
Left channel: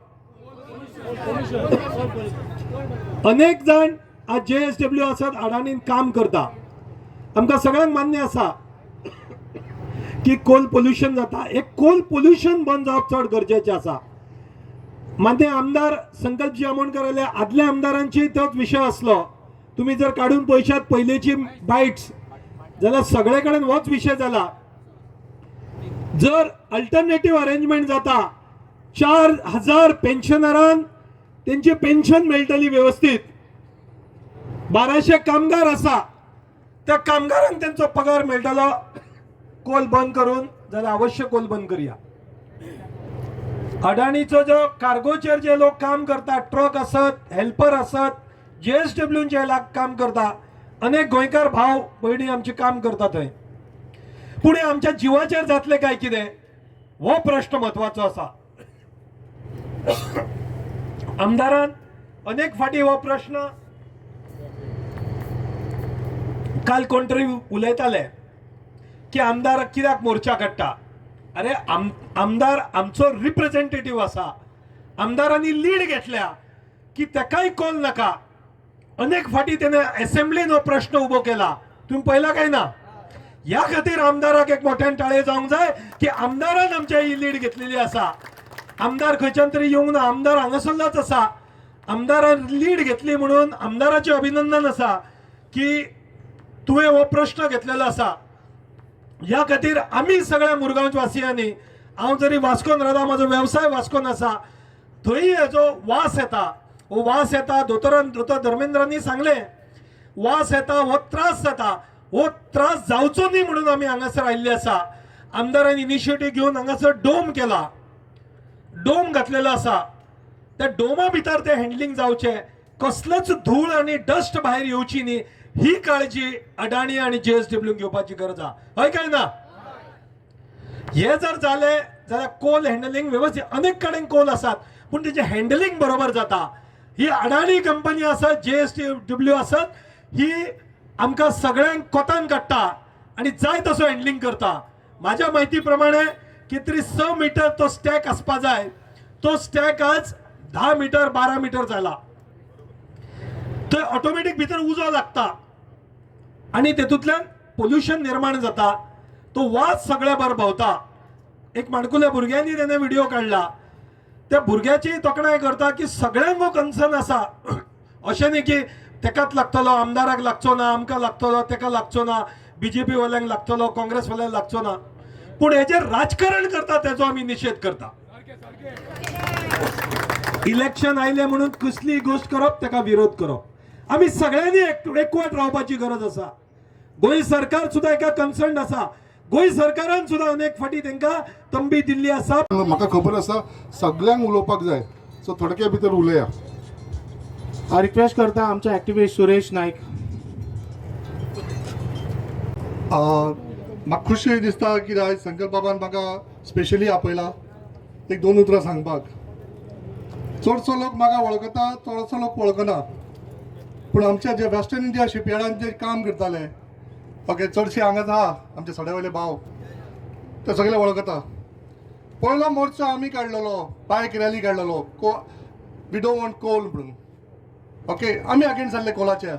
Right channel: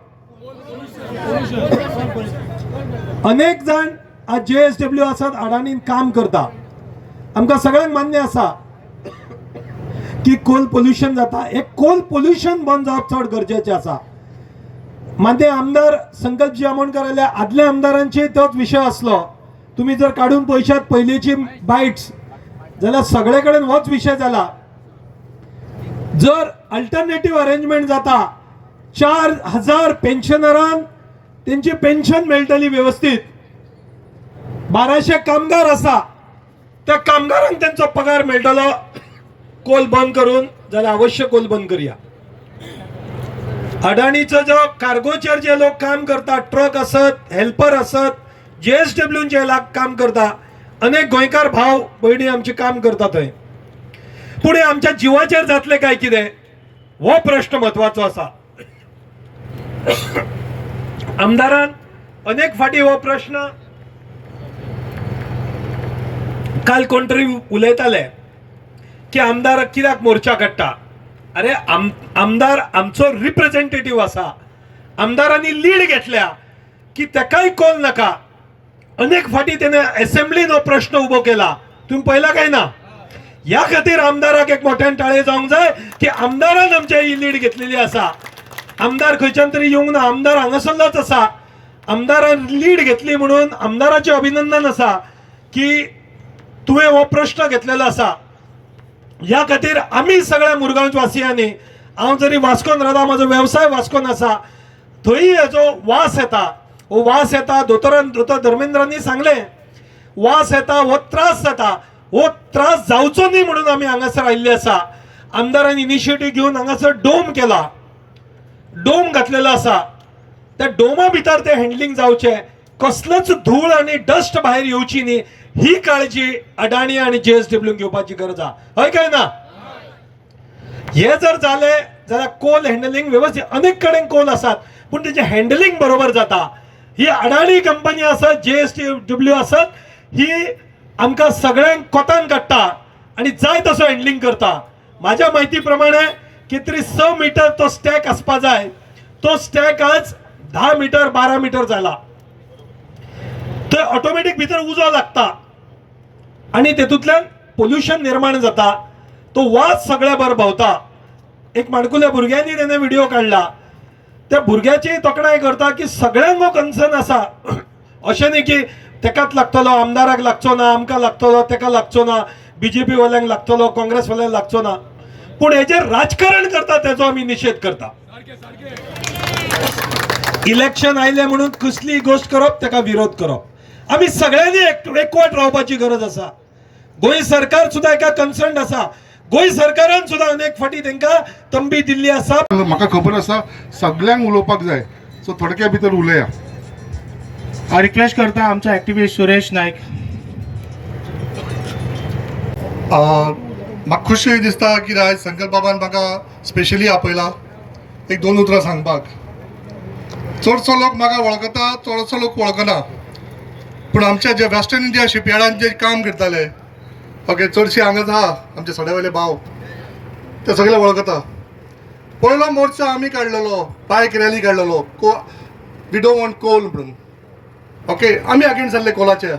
अनेक जाण आज JSW आसात, अडानीन काम करता. आमकां सगळ्यांक मान्य आसा की कोल पोल्युशन जाता. हे कोल पोल्युशन बंद जावप चड गरजेचें आसा. माते आमदार संकल्पजी आमोणकर आयले, आदल्या आमदारांचे तोच विशय आसलो. तुम्ही जर काढून पळयशात पयलींची बायट्स जाल्यार सगळे कडेन होच विशय जाला. जर अल्टरनेटिव्ह अरेंजमेंट जाता, 4,000 पेन्शनरांक त्यांची पेन्शन मेळटली व्यवस्थित. 1200 कामगार आसा, त्या कामगारांक त्यांचो पगार मेळटलो. कोल बंद करून जाल्यार अवश्य कोल बंद करूया. अडाणीचो जो कार्गोचेर जे लोक काम करतात, ट्रक असत, हेल्पर असत, JSWचे काम करता, अनेक गोंयकार भाव भयणी आमचे काम करता थंय. पूण हे आमच्या जिवाचेर जातले काय कितें, हो प्रश्न म्हत्वाचो आसा. आमदारान अनेक फाटी हो प्रश्न, काल कोण तरी उलयताले की आमदार कित्याक मोर्चा काडटा. अरे आमदार आमचो रिप्रेझेंटेटिव्ह आसा. आमदारांनी लीड घेतल्या की तेकाय कोल नाका. अनेक फाटी त्याने असेंब्लीन हो प्रश्न उभो केला, तुम्ही पहिला काय ना. या खातीर आमदाराक एक मोठ्यान टाळे जावंक जाय की आमदारान आमच्या ही लीड घेतलेली आसा. आमदार खंयच्यान तरी येवंक ना, आमदार हांगासरलोच आसा. आमदारान लीड घेतली म्हणून आमदाराचे अभिनंदन आसा की तुवें हो प्रश्न घेतलेलो आसा. ह्या खातीर आमी सगळ्या मुरगांव वासियांनी, हांव जरी वास्कोन रावता, म्हजो वेवसाय वास्कोन आसा, थंय हेजो वास येता. हो वास येता, दोतोर धर्मेंद्रांनी सांगले, वास येता, हो त्रास जाता. हो त्रास जावचो न्ही म्हणून आमी हांगासर आयिल्ले आसा. आमदारान इनिशिएटीव घेवन हांगासर डोम केला, डोम घातलेलो आसा. त्या डोमा भितर ते हँडलिंग जावचे, कसलोच धूळ आणि डस्ट भायर येवची न्ही, ही काळजी अडाणी आणि JSW घेवपाची गरज आहा. हय काय ना? हे जर जाले जाल्यार कोल हँडलिंग व्यवस्थित, अनेक कडेन कोल आसात पूण तेजे हँडलिंग बरोबर जाता. ही अडाणी कंपनी आसत, JSW आसत, ही आमकां सगळ्यांक कोतान काडटा आणि जाय तसो हँडलिंग करता. माझ्या माहिती प्रमाणे कितें तरी 6 मीटर तो स्टॅक आसपा जाय, तो स्टॅक आज 10 मीटर 12 मीटर जाला. तो ऑटोमॅटिक भितर उजो लागता आणि तेतूंतल्यान पोल्युशन निर्माण जाता. तो वास सगळ्या भर भोंवता. एक माणकुल्या भुरग्यांनी तेणे व्हिडिओ काडला. त्या भुरग्याची तोखणाय करता की सगळ्यांक हो कन्सर्न आसा. अशें न्ही की तेकाच लागतलो, आमदाराक लागचो ना, आमकां लागतलो, तेका लागचो ना, BJP वाल्यांक लागतलो, काँग्रेस वाल्यांक लागचो ना. पूण हेजेर राजकारण करता तेजो आमी निशेध करता. इलेक्शन आयले म्हणून कसली गोष्ट करप, तेका विरोध करप. आमी सगळ्यांनी एकवट रावपाची गरज आसा. गोंय सरकार सुद्धा एका कन्सर्न आसा. गोंय सरकारान सुद्धा अनेक फाटी तांकां तंबी दिल्ली आसा. म्हाका खबर आसा सगळ्यांक उलोवपाक जाय, सो थोडक्या भितर उलया. हांव रिक्वेस्ट करता आमचो एक्टिविस्ट सुरेश नायक. म्हाका खुशी दिसता की आयज संकल्प बाबान म्हाका स्पेशली आपयला एक 2 उतरां सांगपाक. चडसो लोक म्हाका वळखता, चडसो लोक वळखना, पूण आमच्या जे वेस्टर्न इंडिया शिपयार्डान जे काम करताले, ओके, चडशे हांगाच आहा आमचे सड्यावयले भाव, ते सगळे वळखता. पयलो मोर्चा आमी काडलेलो, बायक रॅली काडलेलो, वी डोंट वॉन्ट कोल म्हणून. ओके, आमी अगेन्स्ट जाल्ले कोलाचे.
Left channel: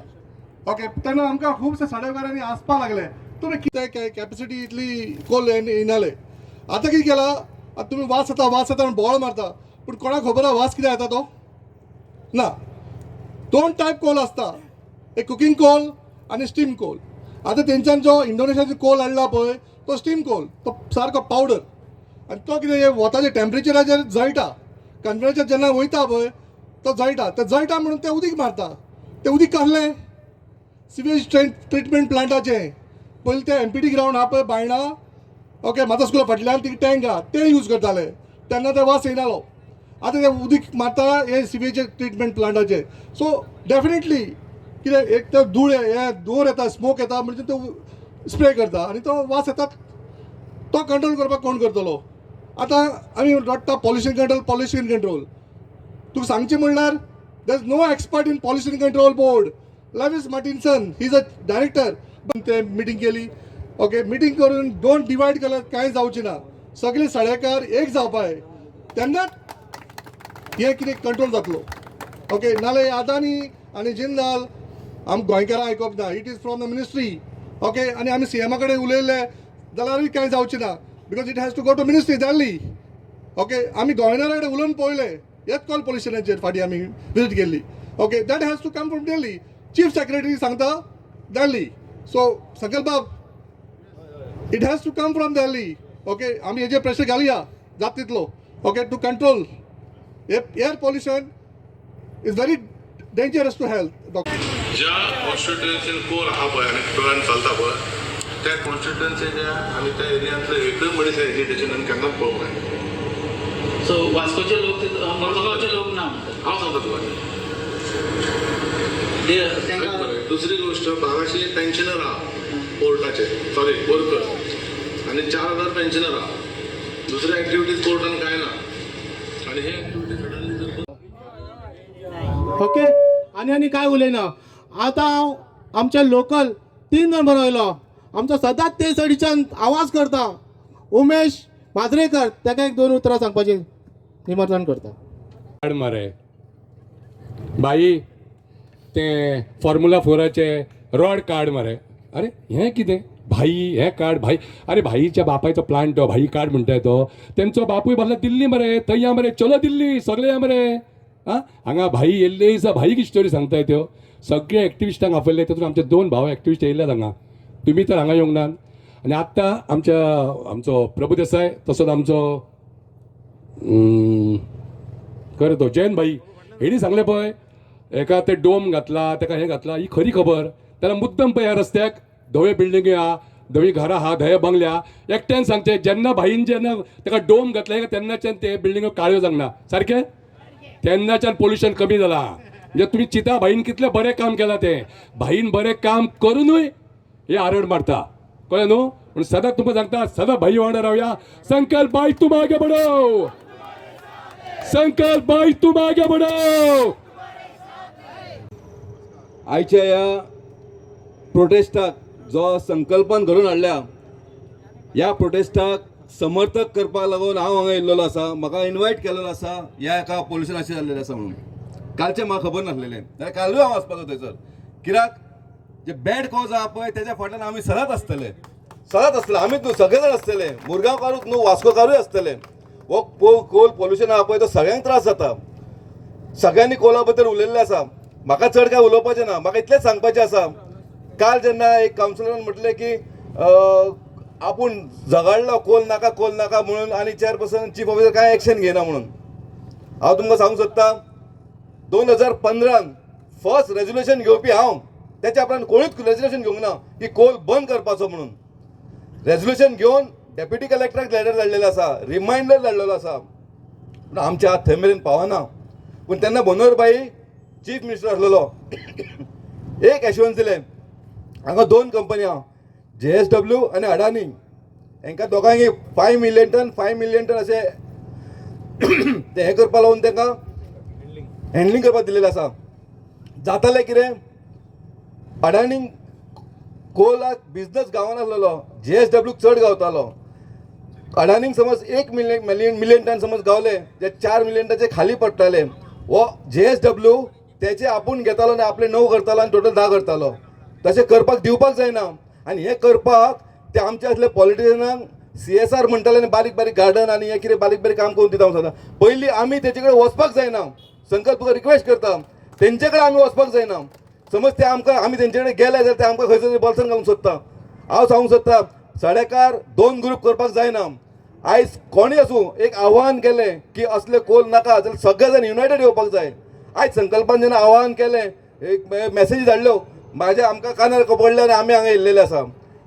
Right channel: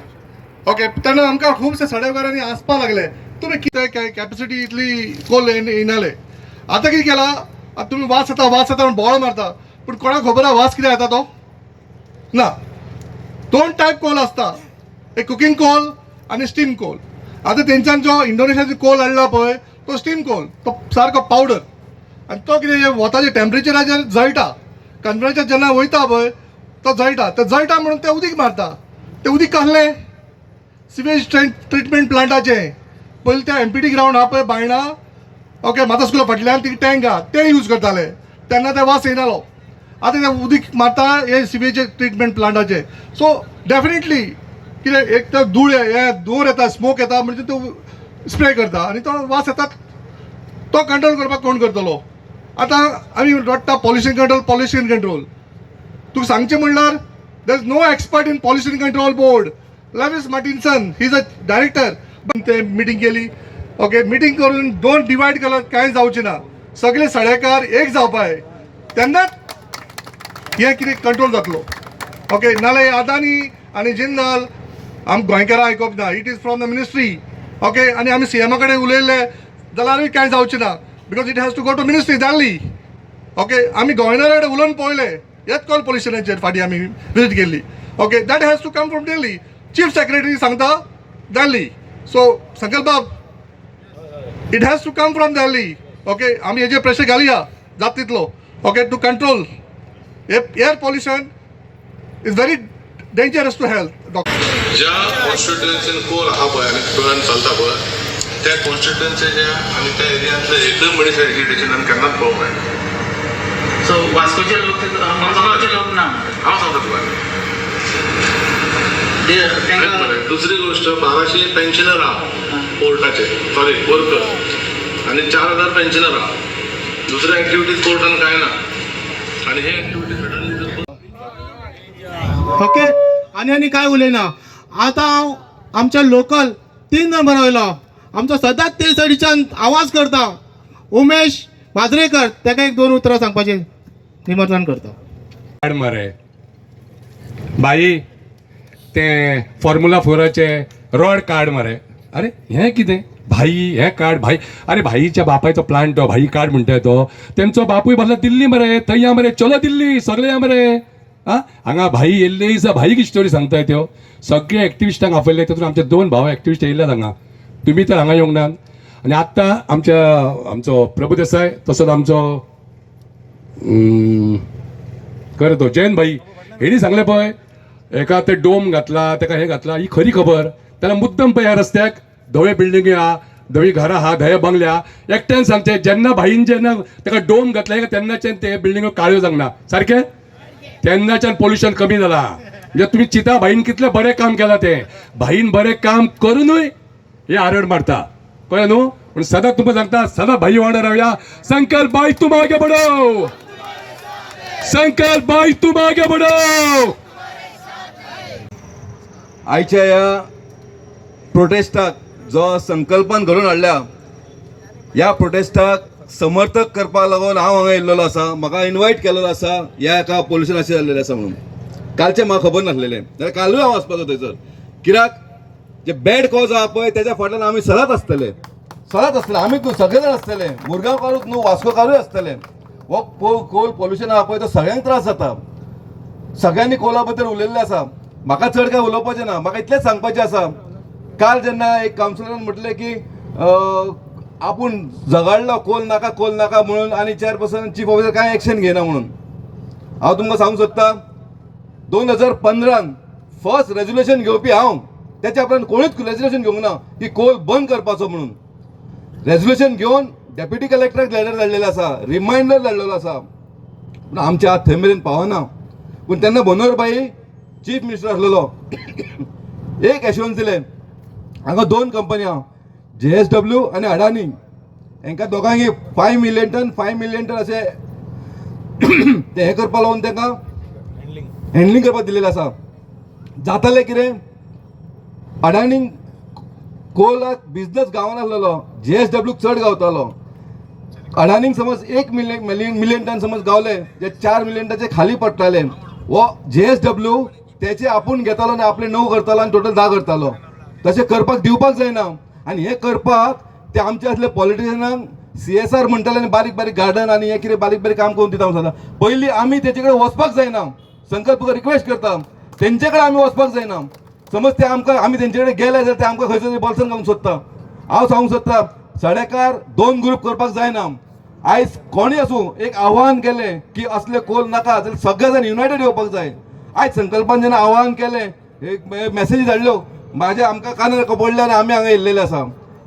ओके, तेन्ना आमकां खुबशे सड्यावकारांनी आसपा लागले तुमी कितें कॅपेसिटी इतली कोल येनाले. आतां कितें केला, आतां तुमी वास येता म्हणून बोवाळ मारता, पूण कोणाक खबर आहा वास कितें येता तो? ना. 2 टायप कोल आसता, एक कुकिंग कोल आनी स्टीम कोल. आतां तेंच्यान जो इंडोनेशियाचो कोल हाडला पळय तो स्टीम कोल, तो सारको पावडर, आनी तो कितें वताच्या टेम्परेचराचेर जळटा. कन्फ्रन्साचेर जेन्ना वयता पळय तो जळटा. तो जळटा म्हणून ते उदीक मारता. ते उदीक कसलें? सिवेज ट्रिटमेंट प्लांटाचें. पयलीं ते MPT ग्रावंड आहा पळय बायणा, ओके माता स्कुला फाटल्यान ती टँक आहा ते यूज करताले तेन्ना ते वास येयनालो आतां ते उदीक मारता हे सिवेज ट्रिटमेंट प्लांटाचे सो डेफिनेटली कितें एक तर धूळ हे धुंवर येता स्मोक येता म्हणजे तो स्प्रे करता आनी तो वास येता तो कंट्रोल करपाक कोण करतलो आतां आमी रडटा पॉल्युशन कंट्रोल तुका सांगचें म्हणल्यार there is no expert in pollution control board Lewis Martinson he is a director ते मिटींग केली ओके मिटींग करून दोन डिवायड केलं कांय जावचें ना सगळे सडेकार एक जावपाय तेन्नाच हे कितें कंट्रोल जातलो ओके नाल्यार अदानी आनी जिंदाल आम गोंयकारां आयकप ना it is from the ministry okay आनी आमी सीएमा कडेन उलयले जाल्यारूय कांय जावचें ना because it has to go to ministry जाल्ली ओके आमी गव्हर्नरा कडेन उलोवन पळयले हेच कॉल पॉल्युशनाचेर फाटीं आमी विजीट केल्ली okay that has to come from Delhi chief secretary सांगता दिल्ली सो संकल्प बाब it has to come from Delhi okay आमी हेजेर प्रेशर घालया जाता तितलो okay to control air pollution is very dangerous to health ज्या कॉन्स्टिट्युएन्सीन कोल आहा पळय आनी गोंयान चलता पळय त्या कॉन्स्टिट्युएन्सीच्या आनी त्या एरियांतले एकदम मनीस एज्युकेशन आमी केन्नाच पळोवंक मेळना सो वास्कोचे लोक मडगांवचे लोक ना हांव सांगता तुका दुसरी गोष्ट 1200 पेन्शनर आहा कोर्टाचे सॉरी वर्कर आनी 4000 पेन्शनर आहा दुसऱ्या एक्टिविटीज कोर्टान कांय ना आनी हे एक्टिविटीज ओके आनी काय उलयना आतां हांव आमच्या लोकल 3 नंबर वयलो आमचो सदांच ते सायडीच्यान आवाज करता उमेश माजरेकर ताका एक 2 उतरां सांगपाचें निमंत्रण करता मरे बाई ते फॉर्म्युला 4चे रॉड कार्ड मरे अरे हें कितें भाई हें कार्ड भाई अरे भाईच्या बापायचो प्लांट तो भाई कार्ड म्हणटा तो तेंचो बापूय बसला दिल्ली मरे थंय या मरे चलो दिल्ली सगळे या मरे आं हांगा भाई येयल्ले दिसा भाईक स्टोरी सांगताय त्यो सगळे एक्टिविस्टांक आपयले तातूंत आमचे 2 भाव एक्टिविस्ट येयल्यात हांगा तुमी तर हांगा येवंक नात आनी आत्तां आमचो प्रभू देसाय तसोच आमचो खरें तो जैन भाई हेणी सांगलें पळय एका ते डोम घातला ताका हें घातला ही खरी खबर त्याला मुद्दम पळय ह्या रस्त्याक धवे बिल्डिंगी आहा धवी घरां आहा धवे बंगल्या एकट्यान सांगचें जेन्ना भाईन जेन्ना ताका डोम घातले तेन्नाच्यान ते बिल्डिंगो काळ्यो जावना सारकें तेन्नाच्यान पोल्युशन कमी जाला म्हणजे तुमी चिता भाईन कितलें बरें काम केलां तें भाईन बरें काम करूनय हे आरड मारता कळ्ळें न्हू पूण सदांच तुमकां सांगता सदां भाई वांगडा रावया संकल्प भाई तुम आगे बढ़ो संकल्प भाई तुम आगे बढ़ो आयच्या ह्या प्रोटेस्टाक जो संकल्पान घडोवन हाडल्या ह्या प्रोटेस्टाक समर्थक करपाक लागून हांव हांगा येयल्लो आसा म्हाका इन्वायट केलेलो आसा ह्या एका पॉल्युशनाचेर जाल्लेलें आसा म्हणून कालचें म्हाका खबर नासलेलें जाल्यार कालूय हांव वचपाचो थंयसर कित्याक जे बॅड कॉज आहा पळय तेच्या फाटल्यान आमी सदांच आसतले आमी सगळे जाण आसतले मुरगांवकारूच न्हू वास्कोकारूय आसतले हो कोल पॉल्युशन आहा पळय तो सगळ्यांक त्रास जाता सगळ्यांनी कोला बद्दल उलयल्लें आसा म्हाका चड काय उलोवपाचें ना म्हाका इतलेंच सांगपाचें आसा काल जेन्ना एक कावन्सिलरान म्हटलें की आपूण झगडलो कोल नाका म्हणून आनी चेअरपर्सन चीफ ऑफिसर कांय एक्शन घेयना म्हणून हांव तुमकां सांगूंक सोदतां 2015 फर्स्ट रेजोल्युशन घेवपी हांव त्याच्या उपरांत कोणूच रेजोल्युशन घेवंक ना की कोल बंद करपाचो म्हणून रेजोल्युशन घेवन डेप्युटी कलेक्टराक लेटर धाडलेलें आसा रिमांयडर धाडलेलो आसा पूण आमच्या हात थंय मेरेन पावना पूण तेन्ना मनोहरभाई चीफ मिनिस्टर आसलेलो एक एश्युरन्स दिलें हांगा 2 कंपनी आहा JSW आनी अडानी हांकां दोगांयनी 5 मिलियन टन अशें ते हें करपा लागून तांकां हँडलिंग करपाक दिलेलें आसा जातालें कितें अडानीक कोलाक बिजनस गावनासलेलो JSW चड गावतालो अडानीक समज 1 मिलियन टन समज गावले जे 4 मिलियन टनाचे खाली पडटाले वो JSW तेचे आपूण घेतालो आनी आपले 9 करतालो आनी टोटल 10 करतालो तशें करपाक दिवपाक जायना आनी हें करपाक ते आमचे असले पॉलिटिशियनांक CSR म्हणटाले आनी बारीक गार्डन आनी हें कितें बारीक काम करून दिता सदां पयलीं आमी तेचे कडेन वचपाक जायना संकल्प तुका रिक्वेस्ट करता तेंचे कडेन आमी वचपाक जायना समज ते आमकां आमी तेंचे कडेन गेले जाल्यार ते आमकां खंयसर बॉल्सान घालूंक सोदता हांव सांगूंक सोदता सडेकार 2 ग्रूप करपाक जायना आयज कोणी आसूं एक आव्हान केलें की असले कोल नाका जाल्यार सगळे जाण युनायटेड येवपाक जाय आयज संकल्पान जेन्ना आव्हान केलें एक मॅसेजी धाडल्यो म्हाज्या आमकां कानार पडले आनी आमी हांगा येयल्लेले आसा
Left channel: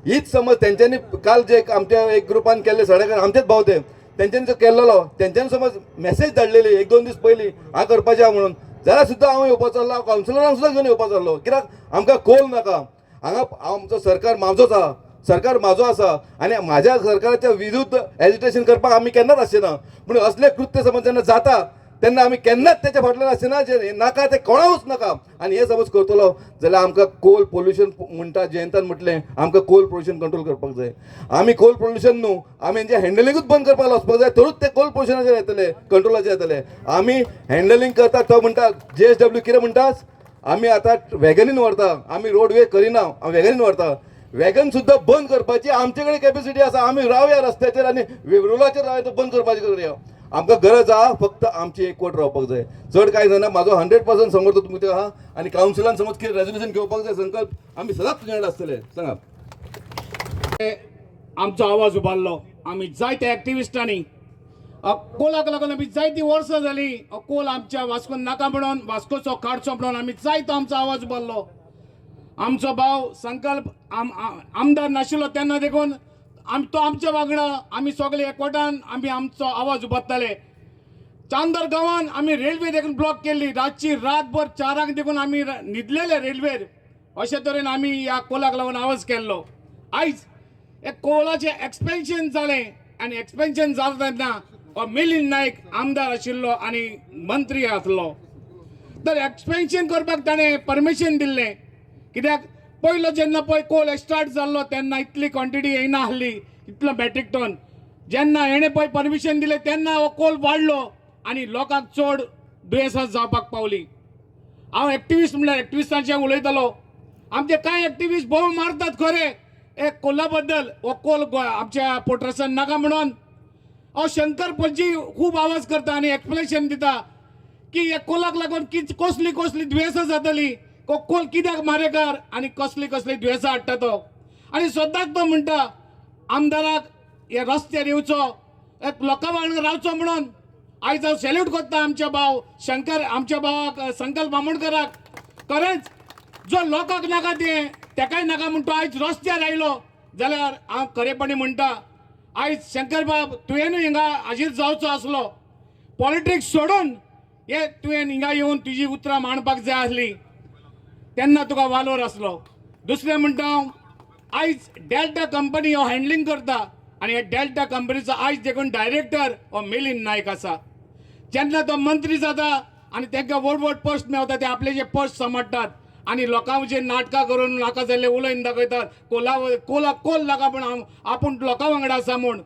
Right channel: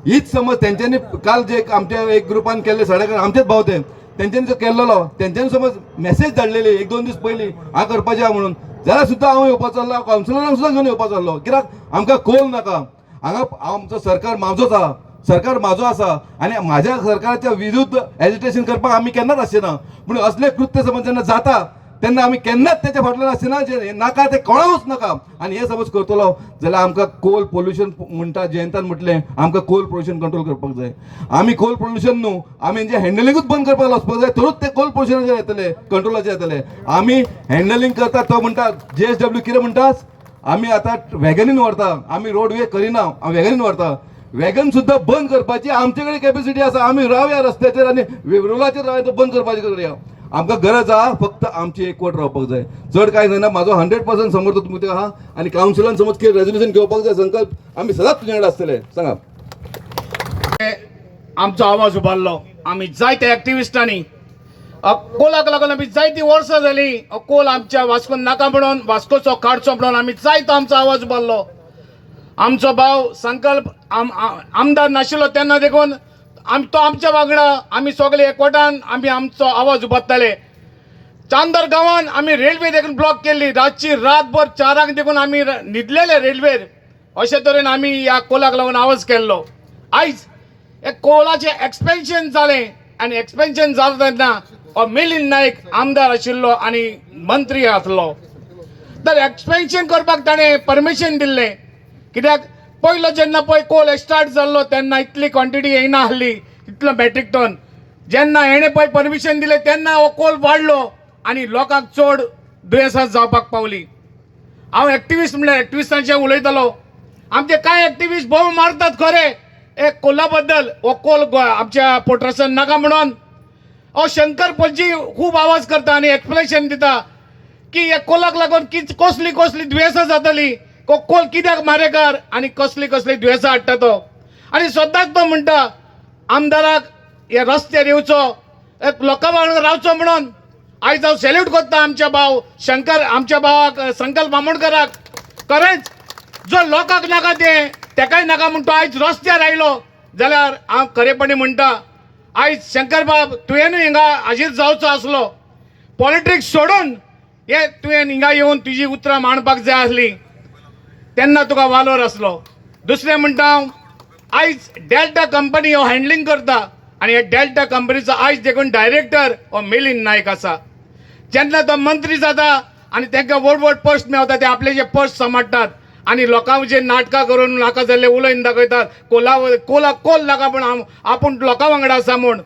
हीच समज तेंच्यांनी काल जे आमच्या एक ग्रुपान केल्ले सडक आमचेच भाव ते तेंच्यांनी जो केल्लो तेंच्यांनी समज मेसेज धाडलेली 1-2 दीस पयलीं हांव करपाचें आहा म्हणून जाल्यार सुद्दां हांव येवपाचो आसलो कावन्सिलरांक सुद्दां घेवन येवपाचो आसलो कित्याक आमकां कोल नाका हांगा आमचो सरकार म्हाजोच आहा सरकार म्हाजो आसा आनी म्हाज्या सरकाराच्या विरुद्ध एजिटेशन करपाक आमी केन्नाच आसचेना पूण असले कृत्य समज जेन्ना जाता तेन्ना आमी केन्नाच तेच्या फाटल्यान आसचेना जे नाका ते कोणाकूच नाका आनी हे समज करतलो जाल्यार आमकां कोल पोल्युशन म्हणटा जयंतान म्हटलें आमकां कोल पोल्युशन कंट्रोल करपाक जाय आमी कोल पोल्युशन न्हू आमी हेंचे हँडलिंगूच बंद करपाक वचपाक जाय तरूच ते कोल पोल्युशनाचेर येतले कंट्रोलाचेर येतले आमी हँडलिंग करता तो म्हणटा JSW कितें म्हणटास आमी आतां वॅगनीन व्हरता आमी रोडवे करिना वॅगनीन व्हरता वॅगन सुद्दां बंद करपाची आमचे कडेन कॅपेसिटी आसा आमी रावया रस्त्याचेर आनी रुलाचेर रावया बंद करपाचे करूया आमकां गरज आहा फक्त आमची एकवट रावपाक जाय चड कांय जायना म्हाजो 100% समर्थ तुमचे आहा आनी कावन्सिलान समज कितें रेजोल्युशन घेवपाक जाय संकल्प आमी सदांच तुजे कडेन आसतले सांगा आमचो आवाज उबारलो आमी जायते एक्टिविस्टांनी कोलाक लागून आमी जायतीं वर्सां जालीं कोल आमच्या वास्कोन नाका म्हणून वास्कोचो काडचो म्हणून आमी जायतो आमचो आवाज उबारलो आमचो भाव संकल्प आमदार नाशिल्लो तेन्ना देखून तो आमच्या वांगडा आमी सगळे एकवटान आमी आमचो आवाज उबारताले चांदर गांवांत आमी रेल्वे देखून ब्लॉक केल्ली रातची रातभर 4 देखून आमी न्हिदलेले रेल्वेर अशे तरेन आमी ह्या कोलाक लागून आवाज केल्लो आयज हे कोलाचें एक्सपेन्शन जालें आनी एक्सपेन्शन जाता तेन्ना मिलिंद नायक आमदार आशिल्लो आनी मंत्री आसलो तर एक्सपेन्शन करपाक ताणें परमिशन दिल्लें कित्याक पयलो जेन्ना पळय कोल स्टार्ट जाल्लो तेन्ना इतली क्वॉन्टिटी येयना आसली इतलो मॅट्रीक टन जेन्ना हेणें पळय परमिशन दिलें तेन्ना हो कोल वाडलो आनी लोकांक चड दुयेंसां जावपाक पावली हांव एक्टिविस्ट म्हणल्यार एक्टिविस्टांचें उलयतालो आमचे कांय एक्टिविस्ट भोव मारतात खरे एक कोला बद्दल हो कोल आमच्या पोर्ट्रासान नाका म्हणून हो शंकर पणजी खूब आवाज करता आनी एक्सप्लेनेशन दिता की हे कोलाक लागून कसली कसली दुयेंसां जातली कोल कित्याक मारेकार आनी कसली कसली दुयेंसां हाडटा तो आनी सदांच तो म्हणटा आमदाराक हे रस्त्यार येवचो लोकां वांगडा रावचो म्हणून आयज हांव सॅल्यूट करता आमच्या भाव शंकर आमच्या भावाक संकल्प बामणकराक खरेंच जो लोकांक नाका तेकाय नाका म्हूण तो आयज रस्त्यार आयलो जाल्यार हांव खरेपणी म्हणटा आयज शंकर बाब तुवेंनूय हिंगा हाजीर जावचो आसलो पॉलिटिक्स सोडून हे तुवें हिंगा येवन तुजी उतरां मांडपाक जाय आसली तेन्ना तुका वालोर आसलो दुसरें म्हणटा हांव आयज डेल्टा कंपनी हो हँडलिंग करता आनी हे डेल्टा कंपनीचो आयज देखून डायरेक्टर हो मिलिंद नायक आसा जेन्ना तो मंत्री जाता आनी तांकां व्हड पोस्ट मेळटा ते आपले जे पोस्ट सांबाळटात आनी लोकांक जे नाटकां करून नाका जाल्ले उलयन दाखयतात कोल नाका पूण आपूण लोकां वांगडा आसा म्हूण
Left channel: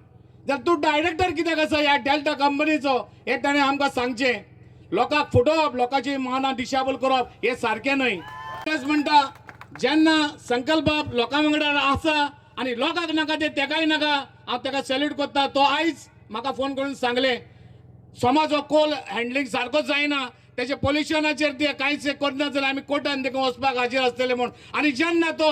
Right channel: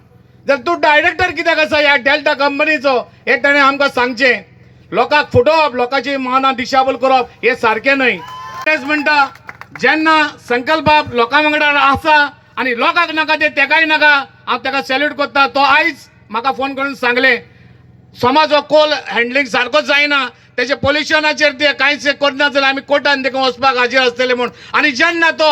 जाल्यार तूं डायरेक्टर कित्याक आसा ह्या डेल्टा कंपनीचो हे ताणें आमकां सांगचें लोकांक फुटोवप लोकांची मानां दिशाभूल करप हे सारकें न्हय तेच म्हणटा जेन्ना संकल्प बाब लोकां वांगडा आसा आनी लोकांक नाका तेकाय नाका हांव ताका सॅल्यूट करता तो आयज म्हाका फोन करून सांगलें समज हो कोल हँडलिंग सारको जायना तेचे पोल्युशनाचेर ते कांयच करना जाल्यार आमी कोर्टान देखून वचपाक हाजीर आसतले म्हूण आनी जेन्ना तो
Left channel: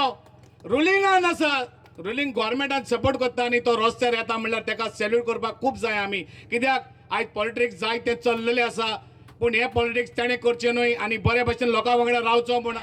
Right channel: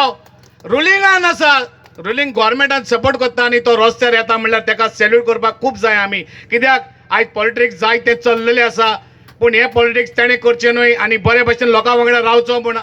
रुलिंगान आसा रुलींग गोवोरमेंटान सपोर्ट करता आनी तो रस्त्यार येता म्हणल्यार ताका सॅल्यूट करपाक खूब जाय आमी कित्याक आयज पॉलिटिक्स जाय ते चल्लेले आसा पूण हे पॉलिटिक्स ताणें करचें न्हय आनी बरे भशेन लोकां वांगडा रावचो म्हूण